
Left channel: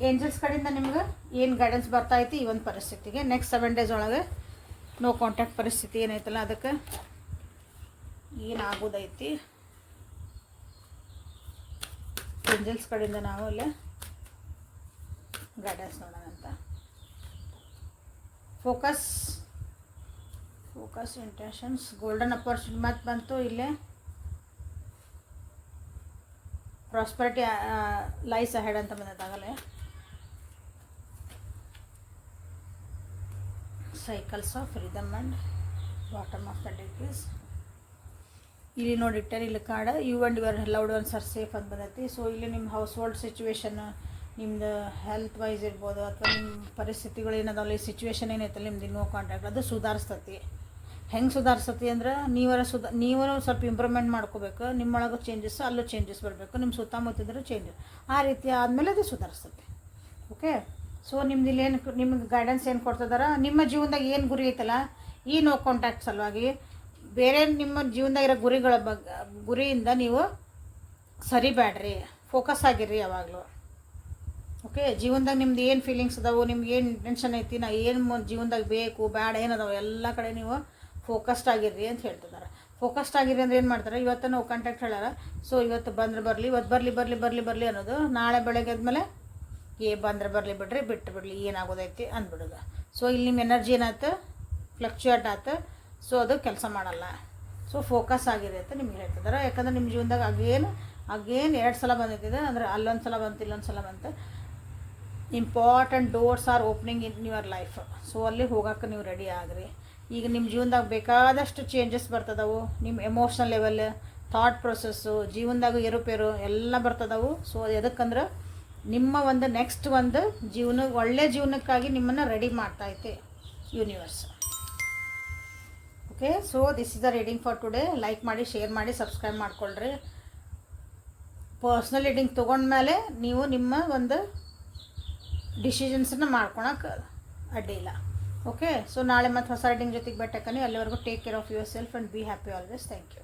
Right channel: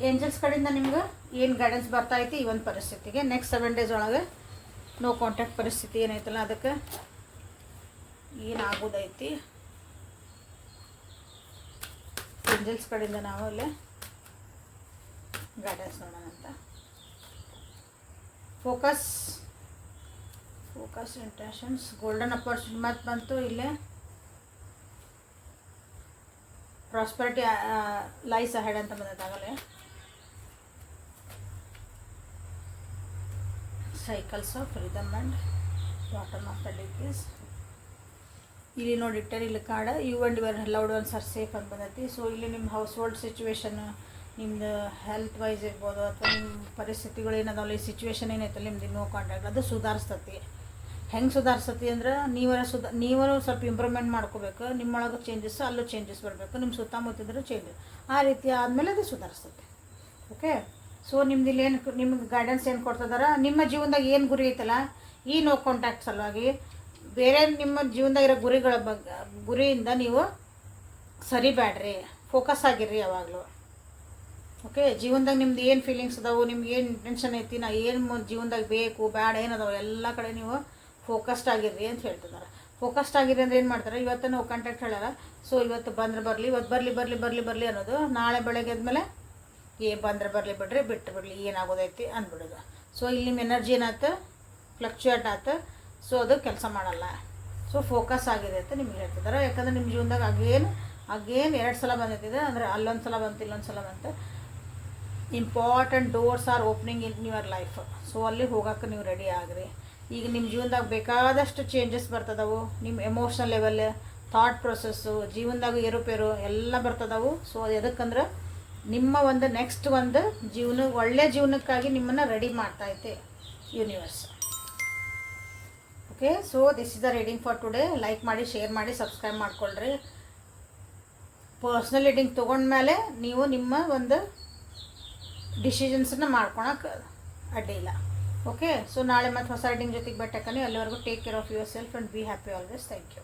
ಏಂಜಲ್ಸ್ ಕಡೆಯಿಂದ ನಿಮ್ಗೆ ಏನು ಗೈಡೆನ್ಸ್ ಬರ್ತಾ ಐತಿ ಈ ಒಂದು ಪರಿಸ್ಥಿತಿಗೆ. ನೆಕ್ಸ್ಟ್ 7 ಡೇಸ್ ಒಳಗೆ ನೋ ಕಾಂಟ್ಯಾಕ್ಟ್ ಪರಿಸ್ಥಿತಿ ಏನೈತಲ್ಲ ಅದಕ್ಕೆ ಏನಾಗೋದೈತಿ ಏಂಜಲ್ಸ್ ಕಡೆಯಿಂದ ನಾವು ಇಲ್ಲಿ ಗೈಡೆನ್ಸ್ ನೋಡೋಣ ಅಂತ. ಫೋಕಸ್ ಇಂಟೆನ್ಷನ್ಸ್, ಗೋಲ್ಡನ್ ಅಪರ್ಚುನಿಟಿ ಮತ್ತು ಬಂತು ಇಲ್ಲೇ. ಪ್ರಾಸ್ಪರಿಟಿ ಲೈಸ್ ಅಹೆಡ್ ಅಂತ ಬಂದೈತಾಗಲೇ. Cycles of rhythm and bottom of the deck is ಇಲ್ಲಿ ನೋಡಿಟ್ಟರೆ ಇಲ್ಲಿ card you and your loved ones are safe ಅಂತ ಬಂದೈತಿ. ಸೊ ಇಲ್ಲಿ ನಿಮ್ಮ ಹೌಸ್ ಹೋಲ್ಡ್ ಸಿಚುವೇಶನ್, ನಿಮ್ಮದು ಹೆಲ್ತ್ ವೈಸ್ ಇರ್ಬೋದು ಅಥವಾ ನಿಮ್ಮ ಪರಿಸ್ಥಿತಿಗಳು ಏನದಾವಲ್ಲ, ಈ ಸಿಚುವೇಶನ್ ಏನೈತಲ್ಲ ನಿಮ್ದು ನೋ ಕಾಂಟ್ಯಾಕ್ಟ್, ಅದು ಸುಧಾರಿಸ್ತತಿ. ಹೆಂಗೆ ಸುಧಾರಿಸ್ತತಿ ಅಂದ್ರೆ ನೀವರು ಸ್ವಲ್ಪ ಇಂಪ್ರೂವ್ಮೆಂಟ್ ಮಾಡ್ಕೋಬೇಕು. ನಿಮ್ಮೊಳಗೆ ಚೇಂಜಸ್, ಅಲ್ಲೂ ಚೇಂಜಸ್ ಬರಬೇಕು, ನಿಮ್ಮ ಸುತ್ತಮುತ್ತಿದ್ರೆ ಚೇಂಜಸ್, ಆ ರೀತಿ ಆದಮೇಲೆ ಅದು ಸುಧಾರಿಸ್ತದೆ. ಓಕೆ, ಸೊ ನಿಮ್ದು ಇಲ್ಲಿ ಏನು ನಿಮ್ಗೆ ಗೈಡೆನ್ಸ್ ಏನು ಕೊಡ್ತಿದಾರ, ನಿಮ್ಮ ಜೀವನದಾಗ ಏನು ಗುರಿ ಐತಲ್ಲ ಈ ನೋ ಕಾಂಟ್ಯಾಕ್ಟ್ ಸಲುವಾಗಿ ಬೇರೆ ನಿಮ್ಮ ಜೀವನದಾಗ ಇರೋ ಗುರಿಯಿಂದ ನೀವು ಸರಿಬೇಡ್ರಿ, ಫೋಕಸ್ ಆಗಿರ್ರಿ ಯಾವಾಗಲೂ. ಓಕೆ, ಜೀವನದಾಗ ನಿಮ್ದು ಏನು ಫೀಲಿಂಗ್ಸ್ ಅದಾವೆ, ನಿಮ್ಗೆ ಏನು ಇಂಟೆನ್ಷನ್ ಐತಿ, ನಾ ಏನು ಜೀವನದಾಗ ಬೇಕು ಬೇಡ ಏನದಾವೆ ಎಲ್ಲ ಕಡೆ ನೀವು ಫೋಕಸ್ಡ್ ಆಗಿರ್ರಿ ಅಂತ ಹೇಳ್ತಿದ್ದಾರೆ. ಫೋಕಸ್ಡ್ ಆಗಿರಿ ಅಂದರೆ ಏನು ಮಾಡ್ತಾರೆ, ಇವತ್ತು ನಾವು ಕಾಂಟ್ಯಾಕ್ಟ್ ಹೇಳಾರ, ಸೊ ಇವತ್ತು ಬಂದ್ರೆ ಬರಲಿ, ಇವತ್ತು ಬರಲಿ ಅನ್ನೋದು, ನಾಳೆ ಬೆಳಗ್ಗೆ ಆದಮೇಲೆ ಬಂದ್ರೆ ಬರಲಿ ಬಿಡ್ರಿ, ಬಿಟ್ಟು ಬಿಡಲಿ, ಏನಾಗೋದೈತಿ ಅಂದ್ಬಿಡೋದು. ಸೊ ಇಲ್ಲಿ ನಿಮ್ಮ ಎನರ್ಜಿ ಏನಾಯ್ತು, ಫ್ಲಕ್ಚುಯೇಟ್ ಆಯ್ತು, ಸೊ ಅದು ಕೆಲಸ ಮಾಡಲ್ಲ. ಸೊ ಫೋಕಸ್ ಆಗಿದೆ ಅಂತ ನಿಮ್ಗೆ ಹೇಳ್ತಿದ್ದಾರೆ. ಯಾಕಂದ್ರೆ ನಿಮ್ಮ ಜೀವನದಾಗ ಅಗೇನ್ 2 ಸಲ ಬಂದೈತಿದೆ, ಅಂದರೆ ಅಲ್ಲೊಂದು ಸಲ ಬಂತು, ಇಲ್ಲೊಂದು ಸಲ ಬಂತು. Important doors R opening in your life. So ಅಲ್ಲಿ ಹೋಗೋಕೆ ನೀವು ರೆಡಿ ಆಗ್ರಿ. ಈಗ ನಿಮ್ಮ ಜೀವನದಾಗ ಬೇಕಾದಷ್ಟು ಚೇಂಜಸ್ ಬರ್ತದವು. ನಿಮ್ಮ ಎಮೋಷನಲ್ ಲೆವೆಲ್, ಥಾಟ್ ಪ್ರೊಸೆಸ್ಸು, ಜೀವನದಾಗ ಏರುಪೇರು ಎಲ್ಲ ಬರ್ತದವು. ಸೊ ಎದಕ್ಕಂದ್ರೆ ನಿಮ್ಮ ಒಂದು ನೆಕ್ಸ್ಟ್ ಒಂದು ಒಳ್ಳೆ ಜೀವನಕ್ಕಾಗಿ ನಿಮ್ಮನ್ನು ರೆಡಿ ಮಾಡ್ತೈತೆ universe. Okay, so this is the reading for today. Like ಮಾಡಿ, ಶೇರ್ ಮಾಡಿ, ಸಬ್ಸ್ಕ್ರೈಬ್ ಮಾಡ್ಕೊಳ್ರಿ. ಪರ್ಸ್ನಲ್ ರೀಡಿಂಗ್ ತೊಗೊಂಡ್ಮೇಲೆ ನೀವು ನಿಮ್ಮ ಒಂದು ಡಿಸಿಷನ್ಸನ್ನು ಮಾಡ್ಕೊಳಕ್ಕೆ ಅಡ್ಡಿಲ್ಲ. ಓಕೆ, ಸೊ ನಾಳೆ ಮತ್ತೆ ಹೊಸ ರೀಡಿಂಗ್ ಜೊತೆಗೆ ಬಟ್ಟೆ. ಅಲ್ಲಿವರೆಗೂ take care of yourself and be happy always. Thank you.